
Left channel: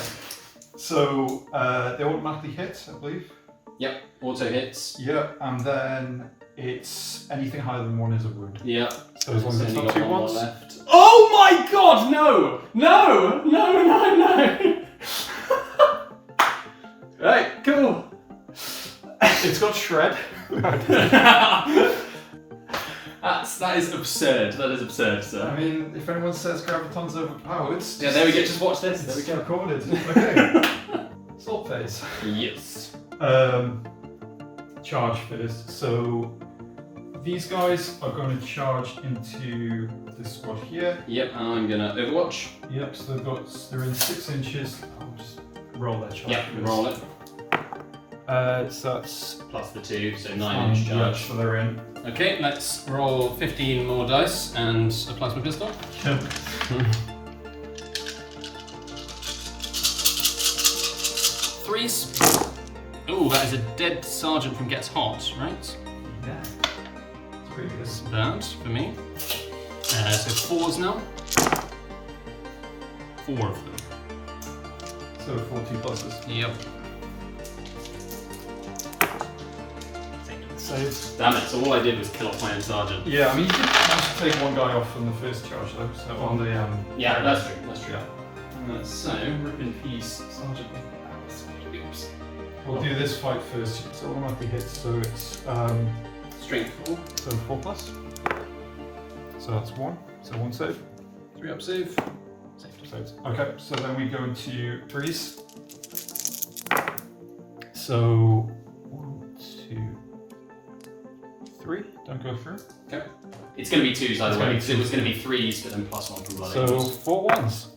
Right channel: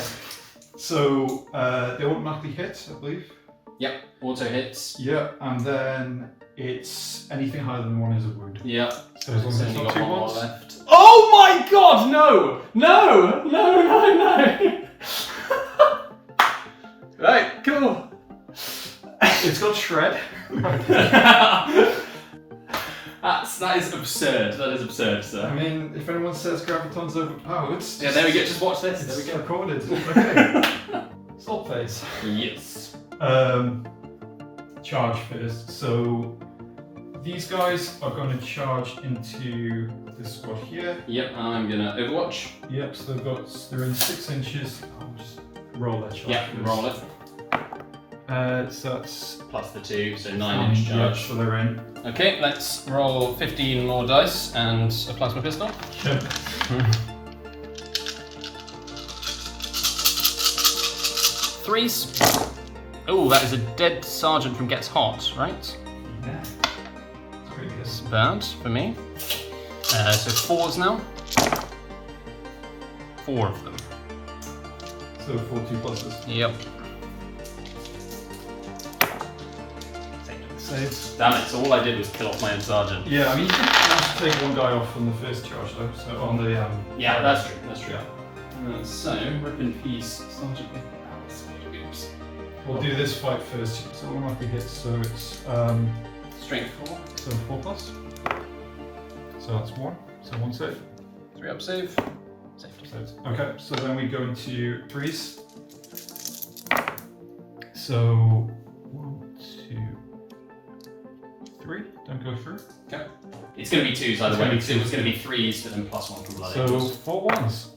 So they automatically hit, I believe. Yep, auto hits. Yeah, and then it's anything higher than 1 is a wound. Yep. So as long as So it's you not got 2 1 more ones. left. Oh my god, no! No! No, no, no! Right, cool. It's got shred. That is absurd. That is absurd, I sir. mean, if anyone says graviton's overpowered, Yeah, there we go. Just watch this. There we it's go. recorded. Okay. Salt phase. Yes. Charge first. So these guys are going to charge into this squad here. Yep, and I'm gonna overwatch. Yep, so they're in 6 inches. I'll just roll that charge. Yep, first. roll it. So that's Plus the 2, so 9 inch yeah, charge. so they're in. Okay, let's roll 15 more dice and a plasma pistol. Yep. 3s. Oh, that is a dead sergeant from Gets Hot, right? Yeah. It's pretty good. That's bad for me. So 4s now. 4 of them. So 4 2+. Yep. Saves. Damn it, so all I did was kill off my own sergeant. Yeah, I mean, you can manage to take one guy off from the first charge though, so on the Yeah, that's true, that's true. Yeah. So, rip in peace, Sergeant. Oops. We'll do this fight first, so one might be hit, so it's Strength 4. so 4+. So that's 1, so 1 save. 3 up save. So okay, so then we go into 3s. So 1, 2, 3. Don't go through. Okay. It's going to be 2s either way, because it was going to be 3s, but then +1 from Blood So Angels. 4 1s.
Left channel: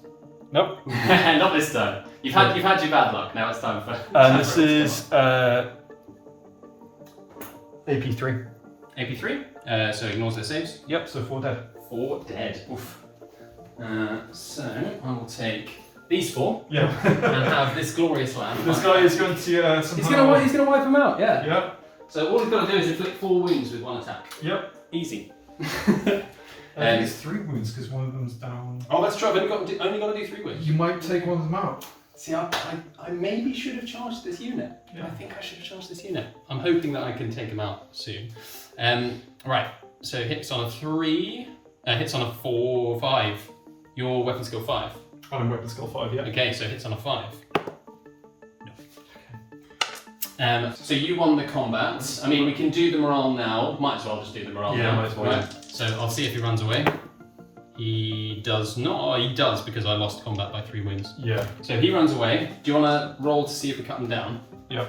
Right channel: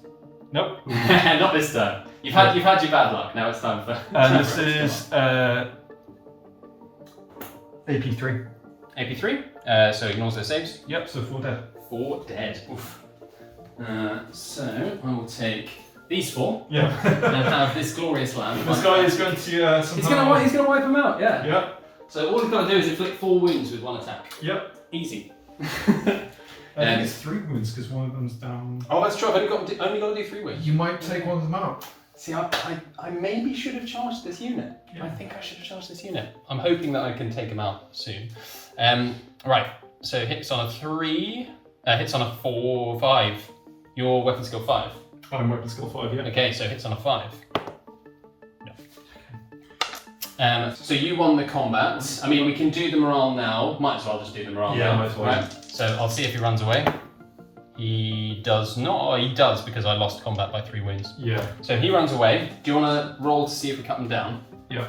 Nope. Not this time. You've had your bad luck, now it's time for... And this is AP3. AP3, so ignores their saves. Yep, so 4 dead. 4 dead. Oof. So I will take these 4 Yeah. and have this glorious lamb. This guy is going to somehow... He's gonna wipe them out. Yeah. Yeah. So all he's got to do is inflict 4 wounds with 1 attack. Yep. Easy. And it's 3 wounds because one of them's down. Oh, that's true. I've only got to do 3 wounds. You might take one of them out. See, I maybe should have charged this unit. Yeah. I think I should have charged this unit. I'm hoping that I can take him out soon. Right. So hits on a 3. Hits on a 4, 5. Your weapon skill 5. I'm weapon skill 5, yeah. Okay, so hits on a 5. No. So you won the combat. I mean, we can do the morale now. Might as well just do the morale Yeah, now. might as well. Right. So I'll see if he runs away. He does not. Oh, he does because I lost combat by 3 wounds. Yeah. So he runs away. Do you want to roll to see if we cut him down? Yeah.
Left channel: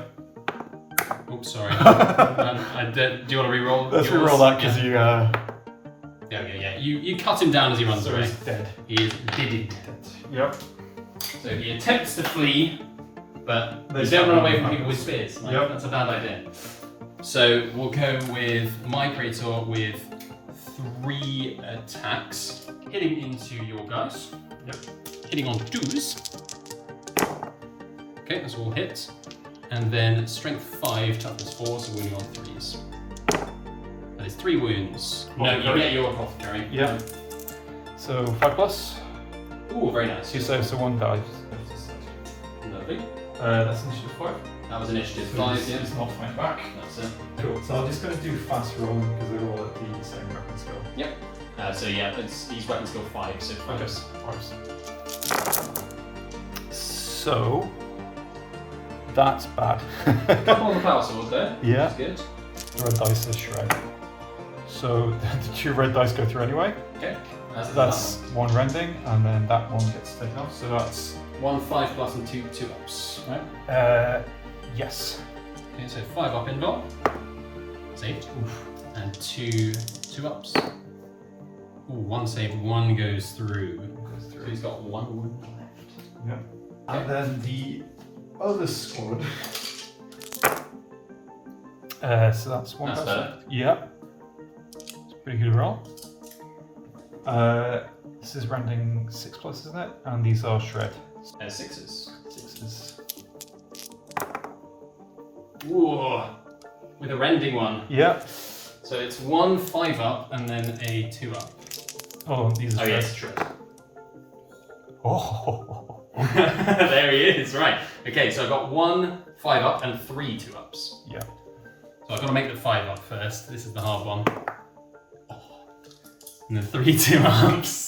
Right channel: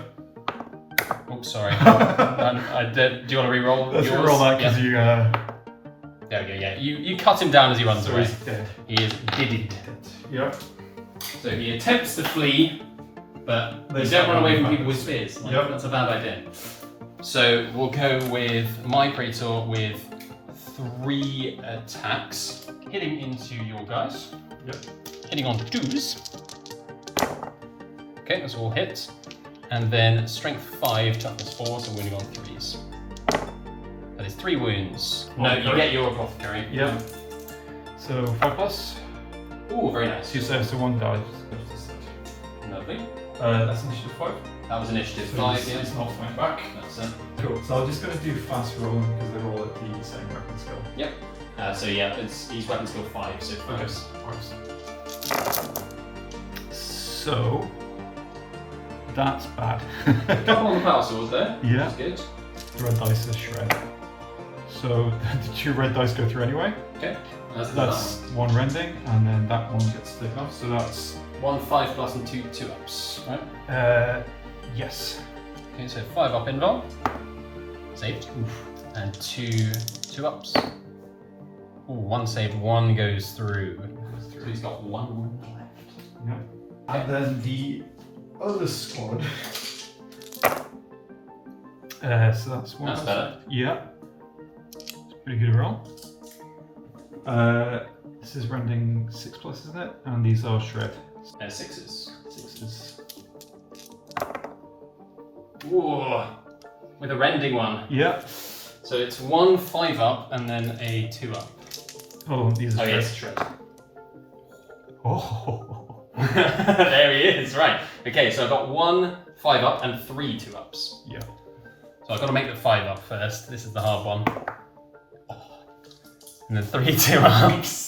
Oops, sorry. Do you want to re-roll? Let's re-roll that because you... There we go, yeah. You cut him down as he runs So away. he's dead. He is dead. Yep. So he attempts to flee, but They you don't run away from start people with spears. Like, Yep. That's a bad idea. So we'll go with my Traitor with 3 attacks, hitting into your guys. Yep. Hitting on 2s. Okay, that's all hits. And then strength 5, toughness 4, so winning on 3s. That is 3 wounds. No, you get your apothecary. Yeah. So 5+. Ooh, very nice. 2 saves, so 1 dies. Lovely. That's initiative 5. That was initiative 5, yeah. It's not my back. That's it. Cool. So I'm just going to do fast rolling because they're all at the same weapon skill. Yep. So yeah, he's weapon skill 5, so 5. So that's bad. Couple on the power sword there. Yeah. That's good. Red dice is shred. So the 2 red dice go through anyway. Okay. That's 1 rending, and then that one gets taken off. So that's 1 5+ and 2 2-ups. Right. yes. Okay, so 5 up in roll. Saved. And 2 2-ups. Ooh, 1 save, 1 goes through. So he's got 1 wound left. Yeah. And then the other squad. So that's 1. That's better. Yeah. It's pretty good roll. This is rending 6+, isn't it? And these are shred. 6s. 6s. Whoa. With a rending 1. Yeah. So it's 1 5-up and then a 2-up. Oh, these are Oh shred. yes, shred. Oh. There he is, right. Okay, so I've got 1 5-up and 3 2-ups. Yeah. So I've got to make the 5-up first. This is the hard one. And then 3 2-ups.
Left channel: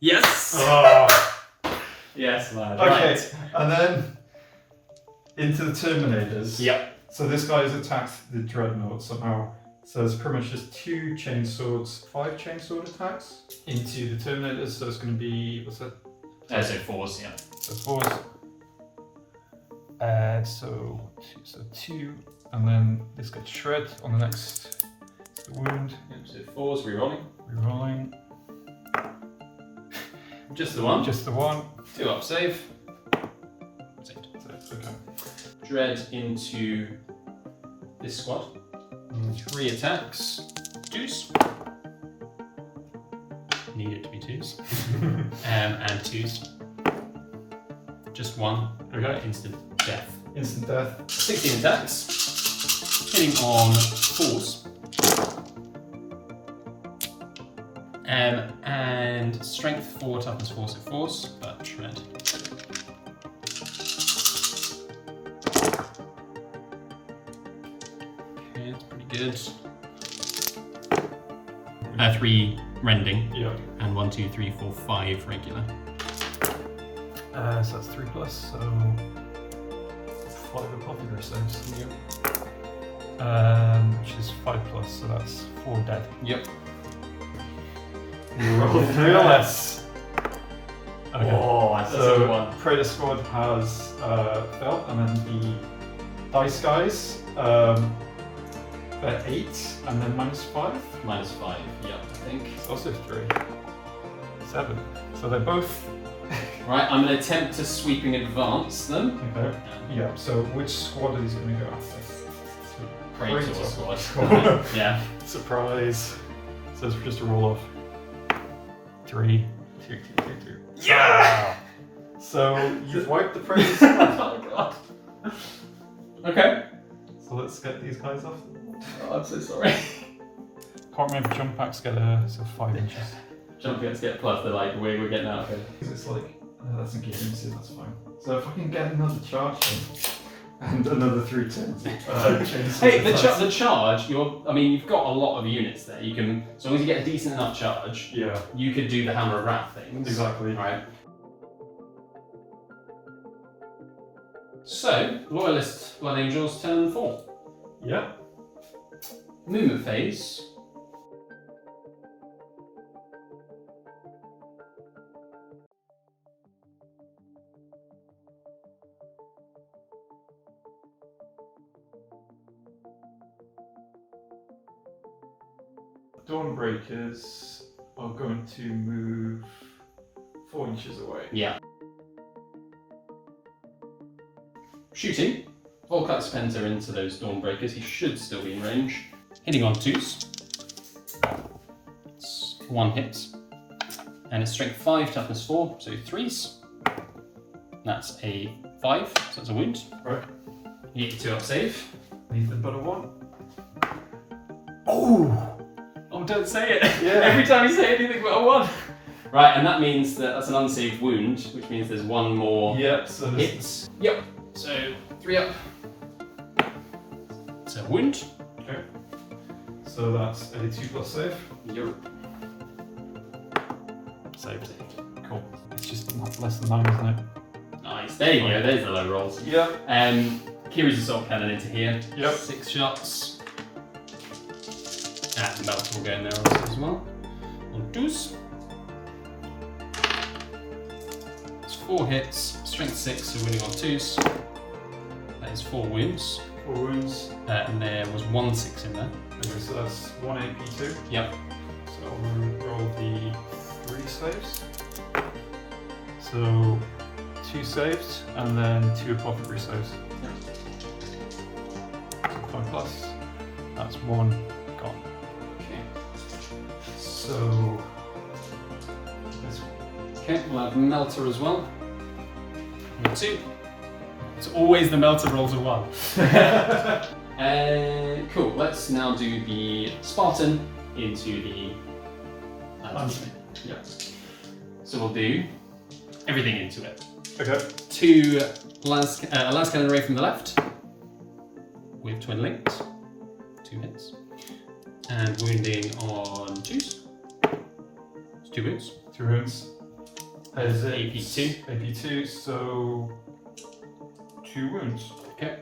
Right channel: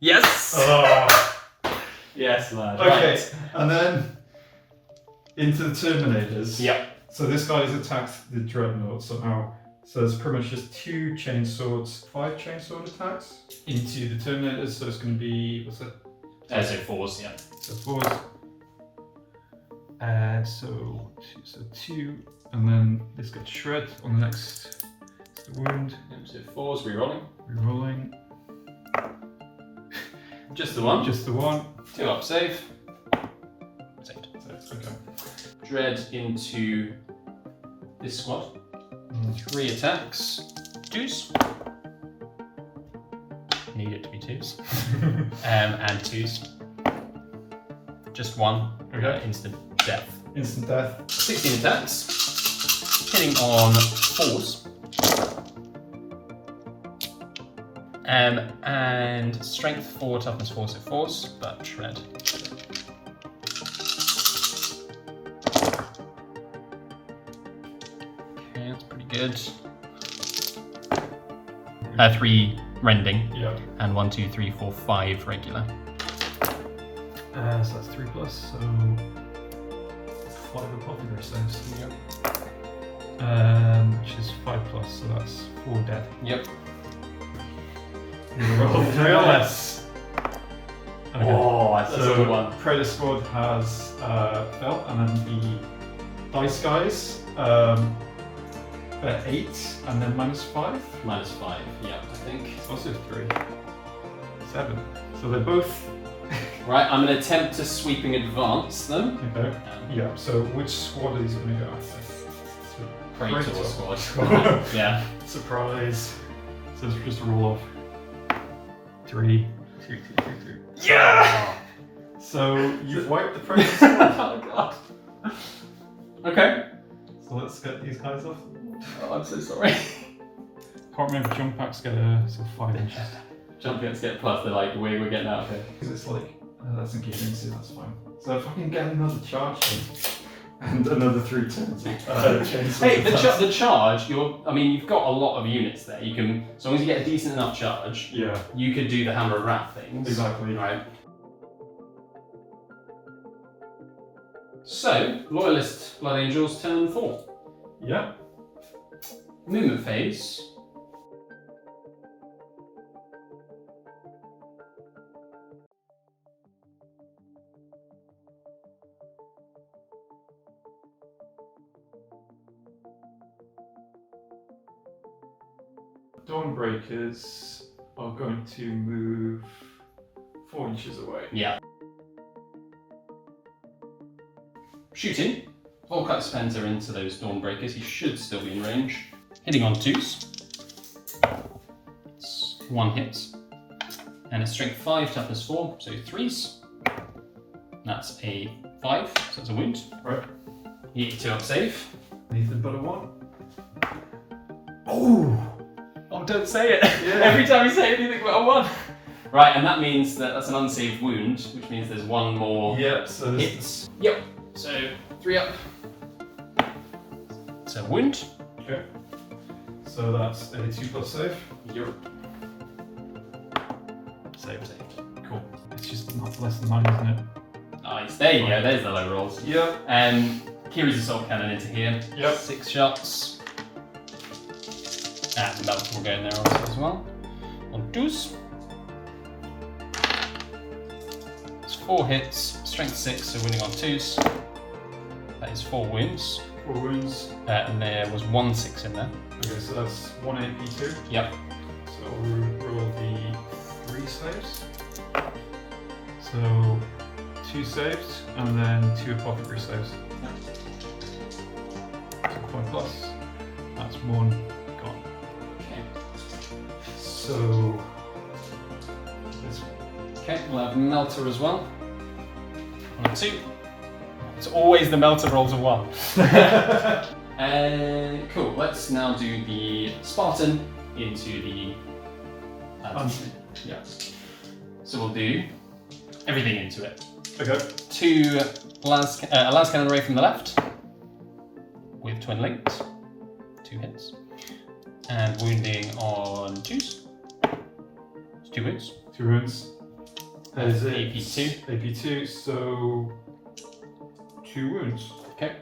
Yes! Oh. Yes, lad. Okay, Right. and then into the Terminators. Yep. So this guy has attacked the Dreadnought somehow. So it's pretty much just 2 chainswords, 5 chainsword attacks into the Terminators. So it's going to be, what's it? So 4s, yeah. So 4s. So 2, and then this gets shred on the next wound. So 4s, re-rolling. Rerolling. Just the 1. Just the 1. 2-up save. Saved. Okay. Dread into this squad. 3 attacks. 2s. Need it to be 2s. And 2s. Just 1. Okay. Instant death. Instant death. 16 attacks. Hitting on 4s. And strength 4, toughness 4, so force, but shred. Okay, that's pretty good. 3 rending. Yeah. And 1, 2, 3, 4, 5 regular. So that's 3 plus, so 5 popular saves. Which is 5 plus, so that's 4 dead. Yep. Yes. Okay. Oh, that's a good So one. Traitor squad has fell, and then the dice guys they're 8, and then -5. -5, yeah, I think. It's also 3. 7. So they're both. Right, I'm going to attempt to sweeping advance them. Okay. Yeah. So which squad is going to go after? Traitor Traitor. squad. Yeah. Surprise. So it's just a roll of 3. 2, 2, 2, 2. Yeah! So you've wiped the Traitor squad. Oh god. Okay. So let's get these guys off. Oh, I'm so sorry. Can't remember if jump packs get 5 inches. Jump gets get plus the like the way we're getting out of here. Because it's like, that's engaging, so that's fine. So if I can get another charge in, and another 3 turns. Hey, the charge. You've got a lot of units there. You can, as long as you get a decent enough charge, Yeah, you could do the hammer of wrath things. exactly. Right. So, Loyalist Blood Angels turn 4. Yeah. Movement phase. Dawnbreakers are going to move 4 inches away. Yeah. Shooting. Volkite Splinter into those Dawnbreakers. He should still be in range. Hitting on 2s. It's 1 hit. And it's strength 5, toughness 4, so 3s. That's a 5, so that's a wound. Right. You get 2 up save. Anything but a 1. Oh! Oh, don't say it! Yeah. Every time you say anything but a 1. Right, and that means that's an unsaved wound, which means there's 1 more Yep, so this hits. Yep. So 3 up. So wound. Okay. So that's a 2 plus save. Yep. Save. Cool. It's just not less than 9, isn't it? Nice. There you go. There's the low rolls. Yep. Kiri's assault cannon into here. Yep. 6 shots. And Melt will go in there also as well. On 2s. It's 4 hits. Strength 6, so winning on 2s. That is 4 wounds. 4 wounds. And there was 1 6 in there. Okay, so that's 1 AP2. Yep. So we'll roll the 3 saves. So 2 saves and then 2 apothecary saves. 1 plus. That's 1 gone. So Okay, we'll have Melter as well. On 2. It's always the Melter rolls a 1. Cool, let's now do the Spartan into the... yeah. So we'll do everything into it. okay. 2 las cannon array from the left with twin links, 2 hits, and wounding on 2s. 2 wounds. 2 wounds. There's AP2. AP2, so 2 wounds. Okay.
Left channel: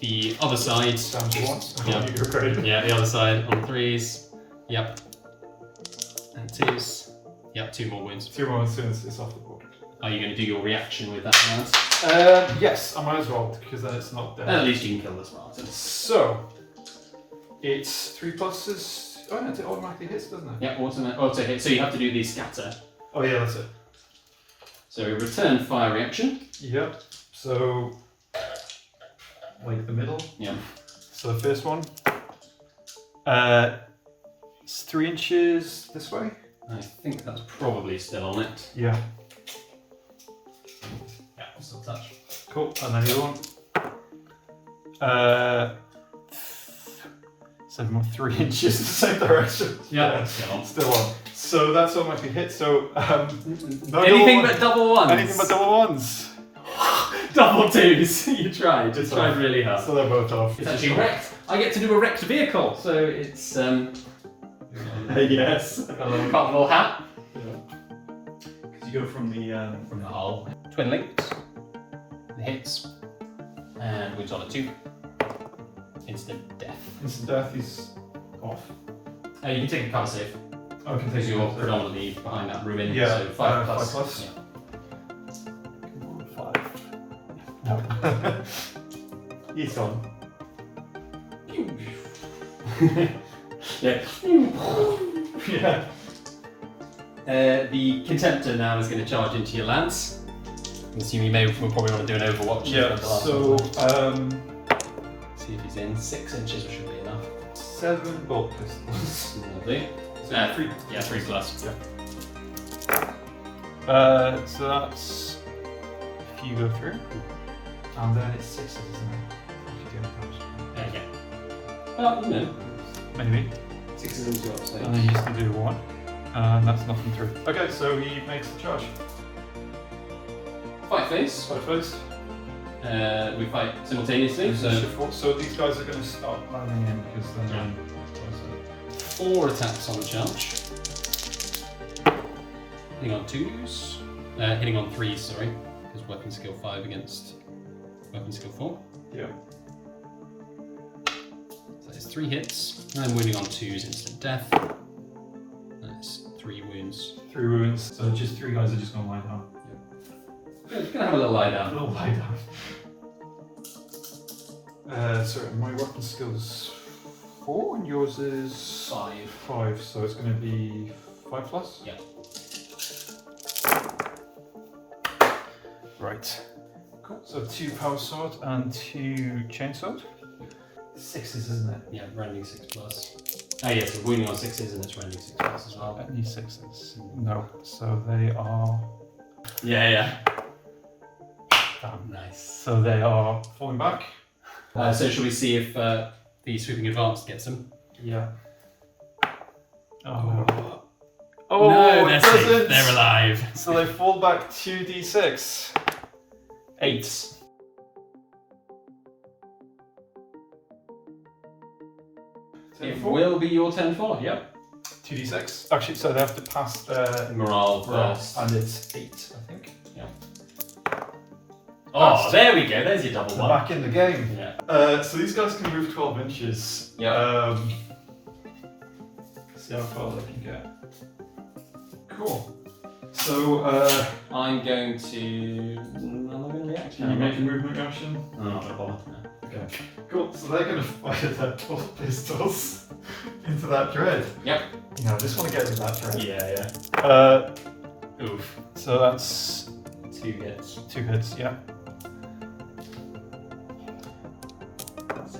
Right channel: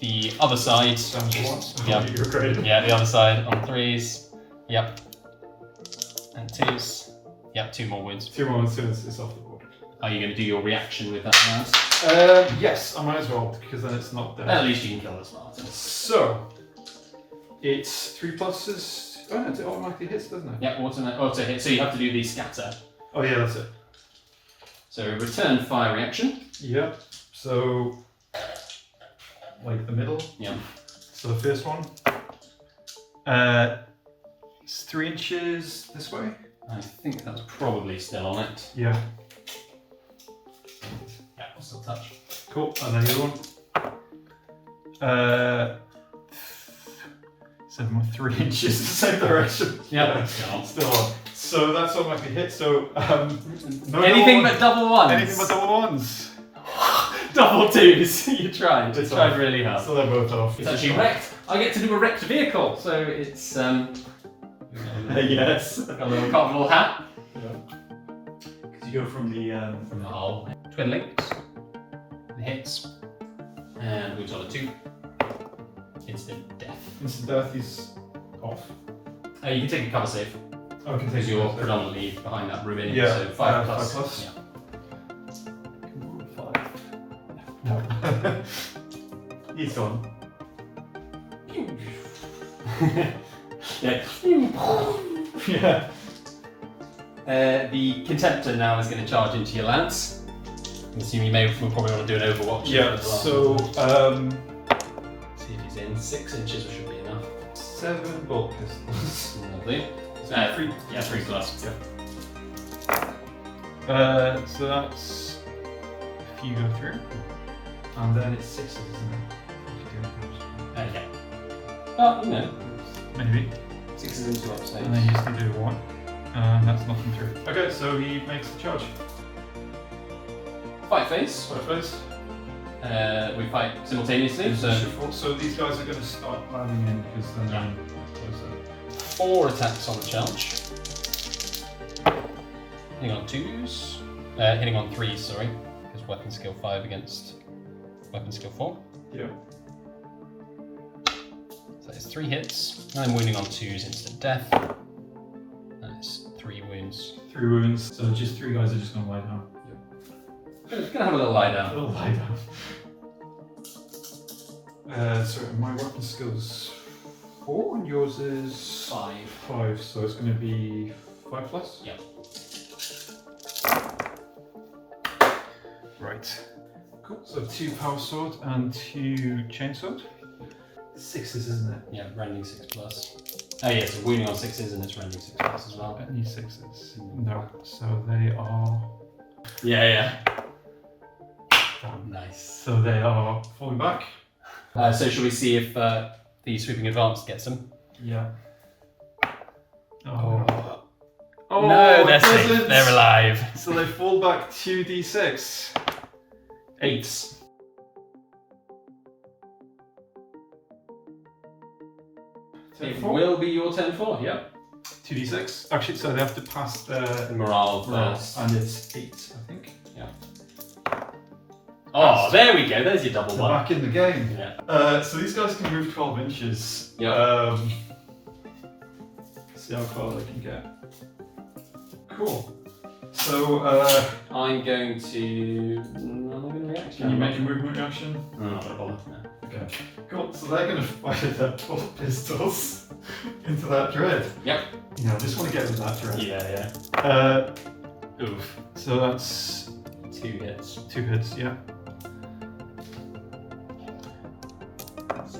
The other side. Sounds once. Yeah. You're great. Yeah, the other side on 3s. Yep. And 2s. Yep, 2 more wounds. 2 more since it's off the board. Are you going to do your reaction with that last? Yes, I might as well, because then it's not there. At least you can kill the Spartan. So, it's 3 pluses. Oh, no, it automatically hits, doesn't it? Yeah, auto hit. So you have to do the scatter. Oh, yeah, that's it. So return fire reaction. Yep. So, like the middle. Yeah. So, the first one. It's 3 inches this way. I think that's probably still on it. Yeah. Yeah, I'll still touch. Cool. And then the other one. 3 inches the same direction. Yeah. Still on. So that's all might be hit. So Anything but double ones. Anything but double ones. Double twos. You tried. It's tried off. really hard. So they're both off. It's actually wrecked. I get to do a wrecked vehicle, so it's yes. got a little cockerel hat Because you go from the from the hull. Twin links. Hits. And we've got a 2. Instant death. instant death is off. You can take a cover save. Oh, I can Because take you're it. predominantly behind that ruin, Yeah, so 5 plus. 5 plus. Yeah. He's gone. Yeah. Yeah. The Contemptor now is going to charge into your lance. I assume we'll probably want to do an Overwatch. Yeah. for the last So one. See if he's in. 6 inches should be enough. 7 bolt pistols. Lovely. 3. Yeah, 3 plus. So that's if you go through, and then it's 6, isn't it? Okay. Oh, no. Maybe. 6 is into upside. And then you just do a 1, and that's nothing through. Okay, so he makes the charge. Fight phase. Fight phase. We fight simultaneously, So these guys are going to start landing in because they're not. 4 attacks on the charge. Hitting on 2s. Hitting on 3s, sorry. Because weapon skill 5 against weapon skill 4. Yeah. So it's 3 hits. I'm wounding on 2s, instant death. That's 3 wounds. 3 wounds. So just 3 guys are just going to lie down. Good, gonna have a little lie A down. little lie down. So my weapon skill's 4 and yours is 5. 5. So it's going to be 5 plus. Yeah. Right. Cool. So 2 power sword and 2 chain sword. 6s, isn't it? Yeah, rending 6 plus. Oh yes, so wounding on 6s and it's rending 6 plus as well. Any 6s? No. So they are. Yeah. Damn. Nice. So they are falling back. So should we see if the sweeping advance gets them? Yeah. Oh. No, they're it safe. doesn't. They're alive. So they fall back 2d6. 8. It will be your turn 4, yeah. 2d6. Actually, so they have to pass the Morale roll, first. and it's 8, I think. Oh, there we go. There's your double They're one. back in the game. Yeah. So these guys can move 12 inches. Yeah. See how far they can get. Cool. So, I'm going to. I'm going to react. can you make a movement reaction? No, I don't bother. Okay. Cool. So they're going to fire their bolt pistols into that dread. Yep. No, I just want to get rid of that dread. Yeah. Oof. So that's 2 hits. 2 hits. Yeah.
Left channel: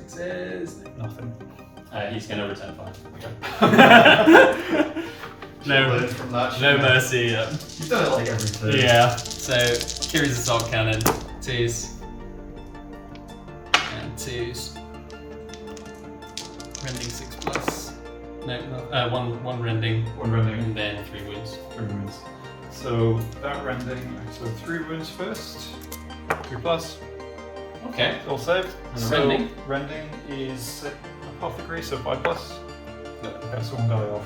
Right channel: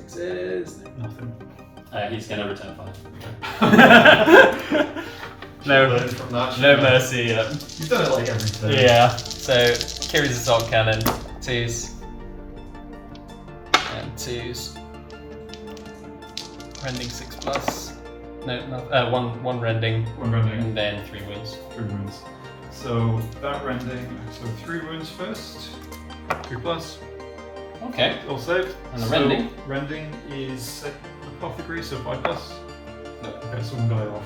6s. Nothing. He's going to return 5. No, learn from that. No mercy. You've done it like every turn. Yeah. So Kiri's assault cannon. 2s. And 2s. Rending 6 plus. No, 1 rending. 1 rending. And then 3 wounds. 3 wounds. So that rending. So 3 wounds first. 2 plus. Okay. All saved. And the rending? Rending is apothecary, so 5 plus. Yep. Okay, so 1 guy off.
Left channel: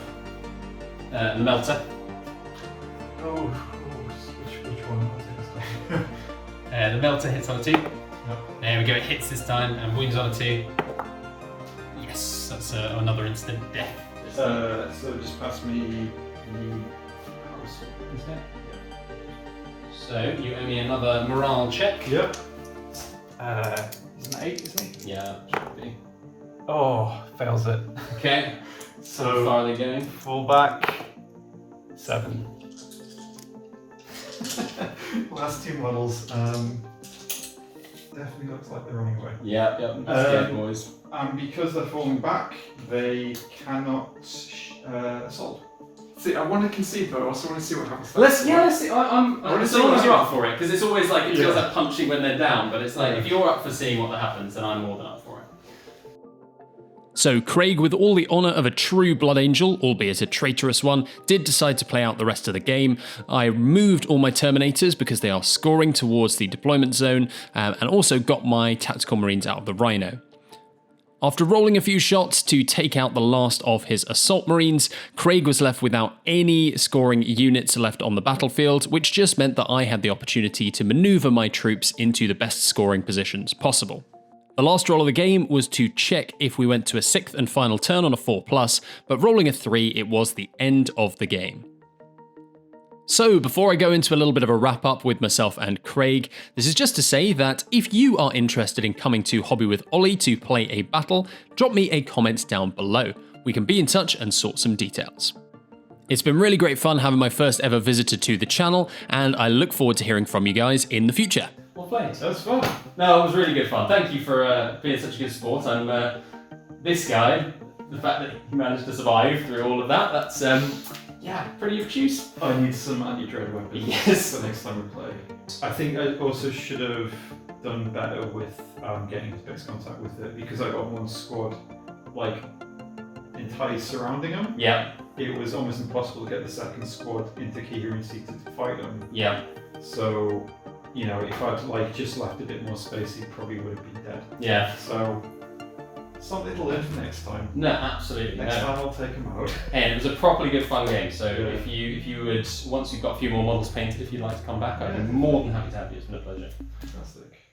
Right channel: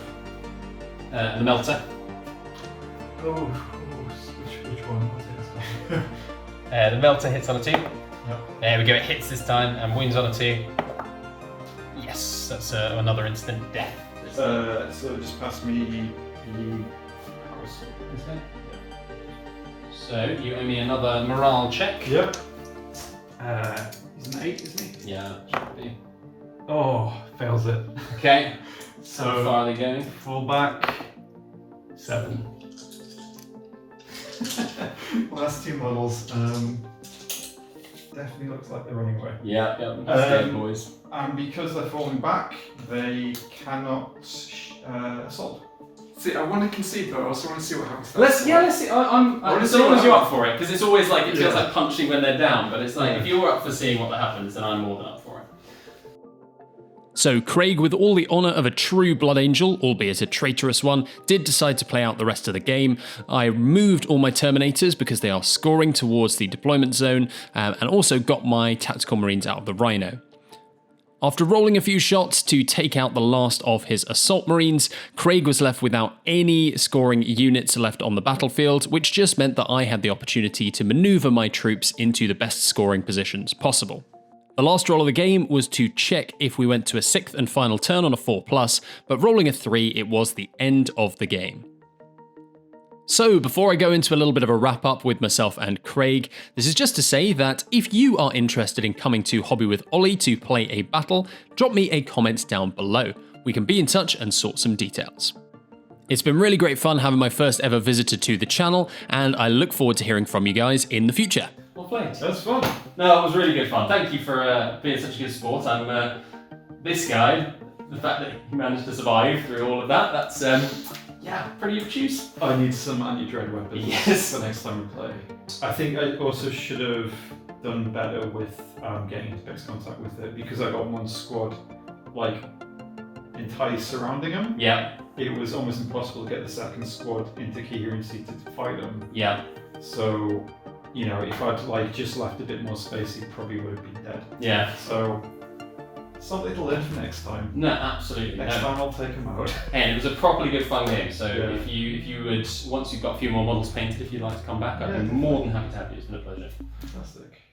And the melter. Oh, which one was it? The melter hits on a 2. There we go, it hits this time and wounds on a 2. Yes, that's another instant death. So just pass me So you owe me another morale check. Yep. He's an 8, isn't he? Yeah, should be. Oh, fails it. Okay, So how far are they going? fall back 7. Last 2 models. Definitely looks like they're running away. Yeah, that's good, boys. And because they're falling back, they cannot assault. See, I want to concede, but I also want to see what happens. Let's see. I'm wanna as see long what as you're up happens. for it, because it's always like it feels Yeah. like punching when they're down. But it's like Yeah. if you're up for seeing what happens, then I'm more than up for it. So Craig, with all the honour of a true Blood Angel, albeit a traitorous one, did decide to play out the rest of the game. I removed all my Terminators because they are scoring towards the deployment zone, and also got my Tactical Marines out of the Rhino. After rolling a few shots to take out the last of his Assault Marines, Craig was left without any scoring units left on the battlefield, which just meant that I had the opportunity to manoeuvre my troops into the best scoring positions possible. The last roll of the game was to check if we went to a 6th and final turn on a 4+, but rolling a 3, it was the end of the game. So before I go into a little bit of a wrap up with myself and Craig, this is just to say that if you are interested in coming to Hobby with Ollie to play a battle, drop me a comment down below. We can be in touch and sort some details. It's been really great fun having my first ever visitor to the channel, and I look forward to hearing from you guys in the future. Well played. That's fun. No, it was really good fun. Thank you for being such a good sport. I'm this guy, the fact that he managed to survive through all of that, that's yeah, pretty obtuse. I need some anti-dread weapons Yes. for next time we play. I think I also should have done better with getting into fixed contact with it, because I got one squad like entirely surrounding him. Yeah, It was almost impossible to get the second squad into coherency to fight him. yeah, So, you know, if I'd like just left a bit more space, he probably would have been dead. yeah. So, something to learn for next time. No, absolutely. Next No. time I'll take him out. And it was a properly good fun game. So Yeah. if you would, once you've got a few more models painted, if you'd like to come back, I'd be Yeah. more than happy to have you. It's been a pleasure. Fantastic.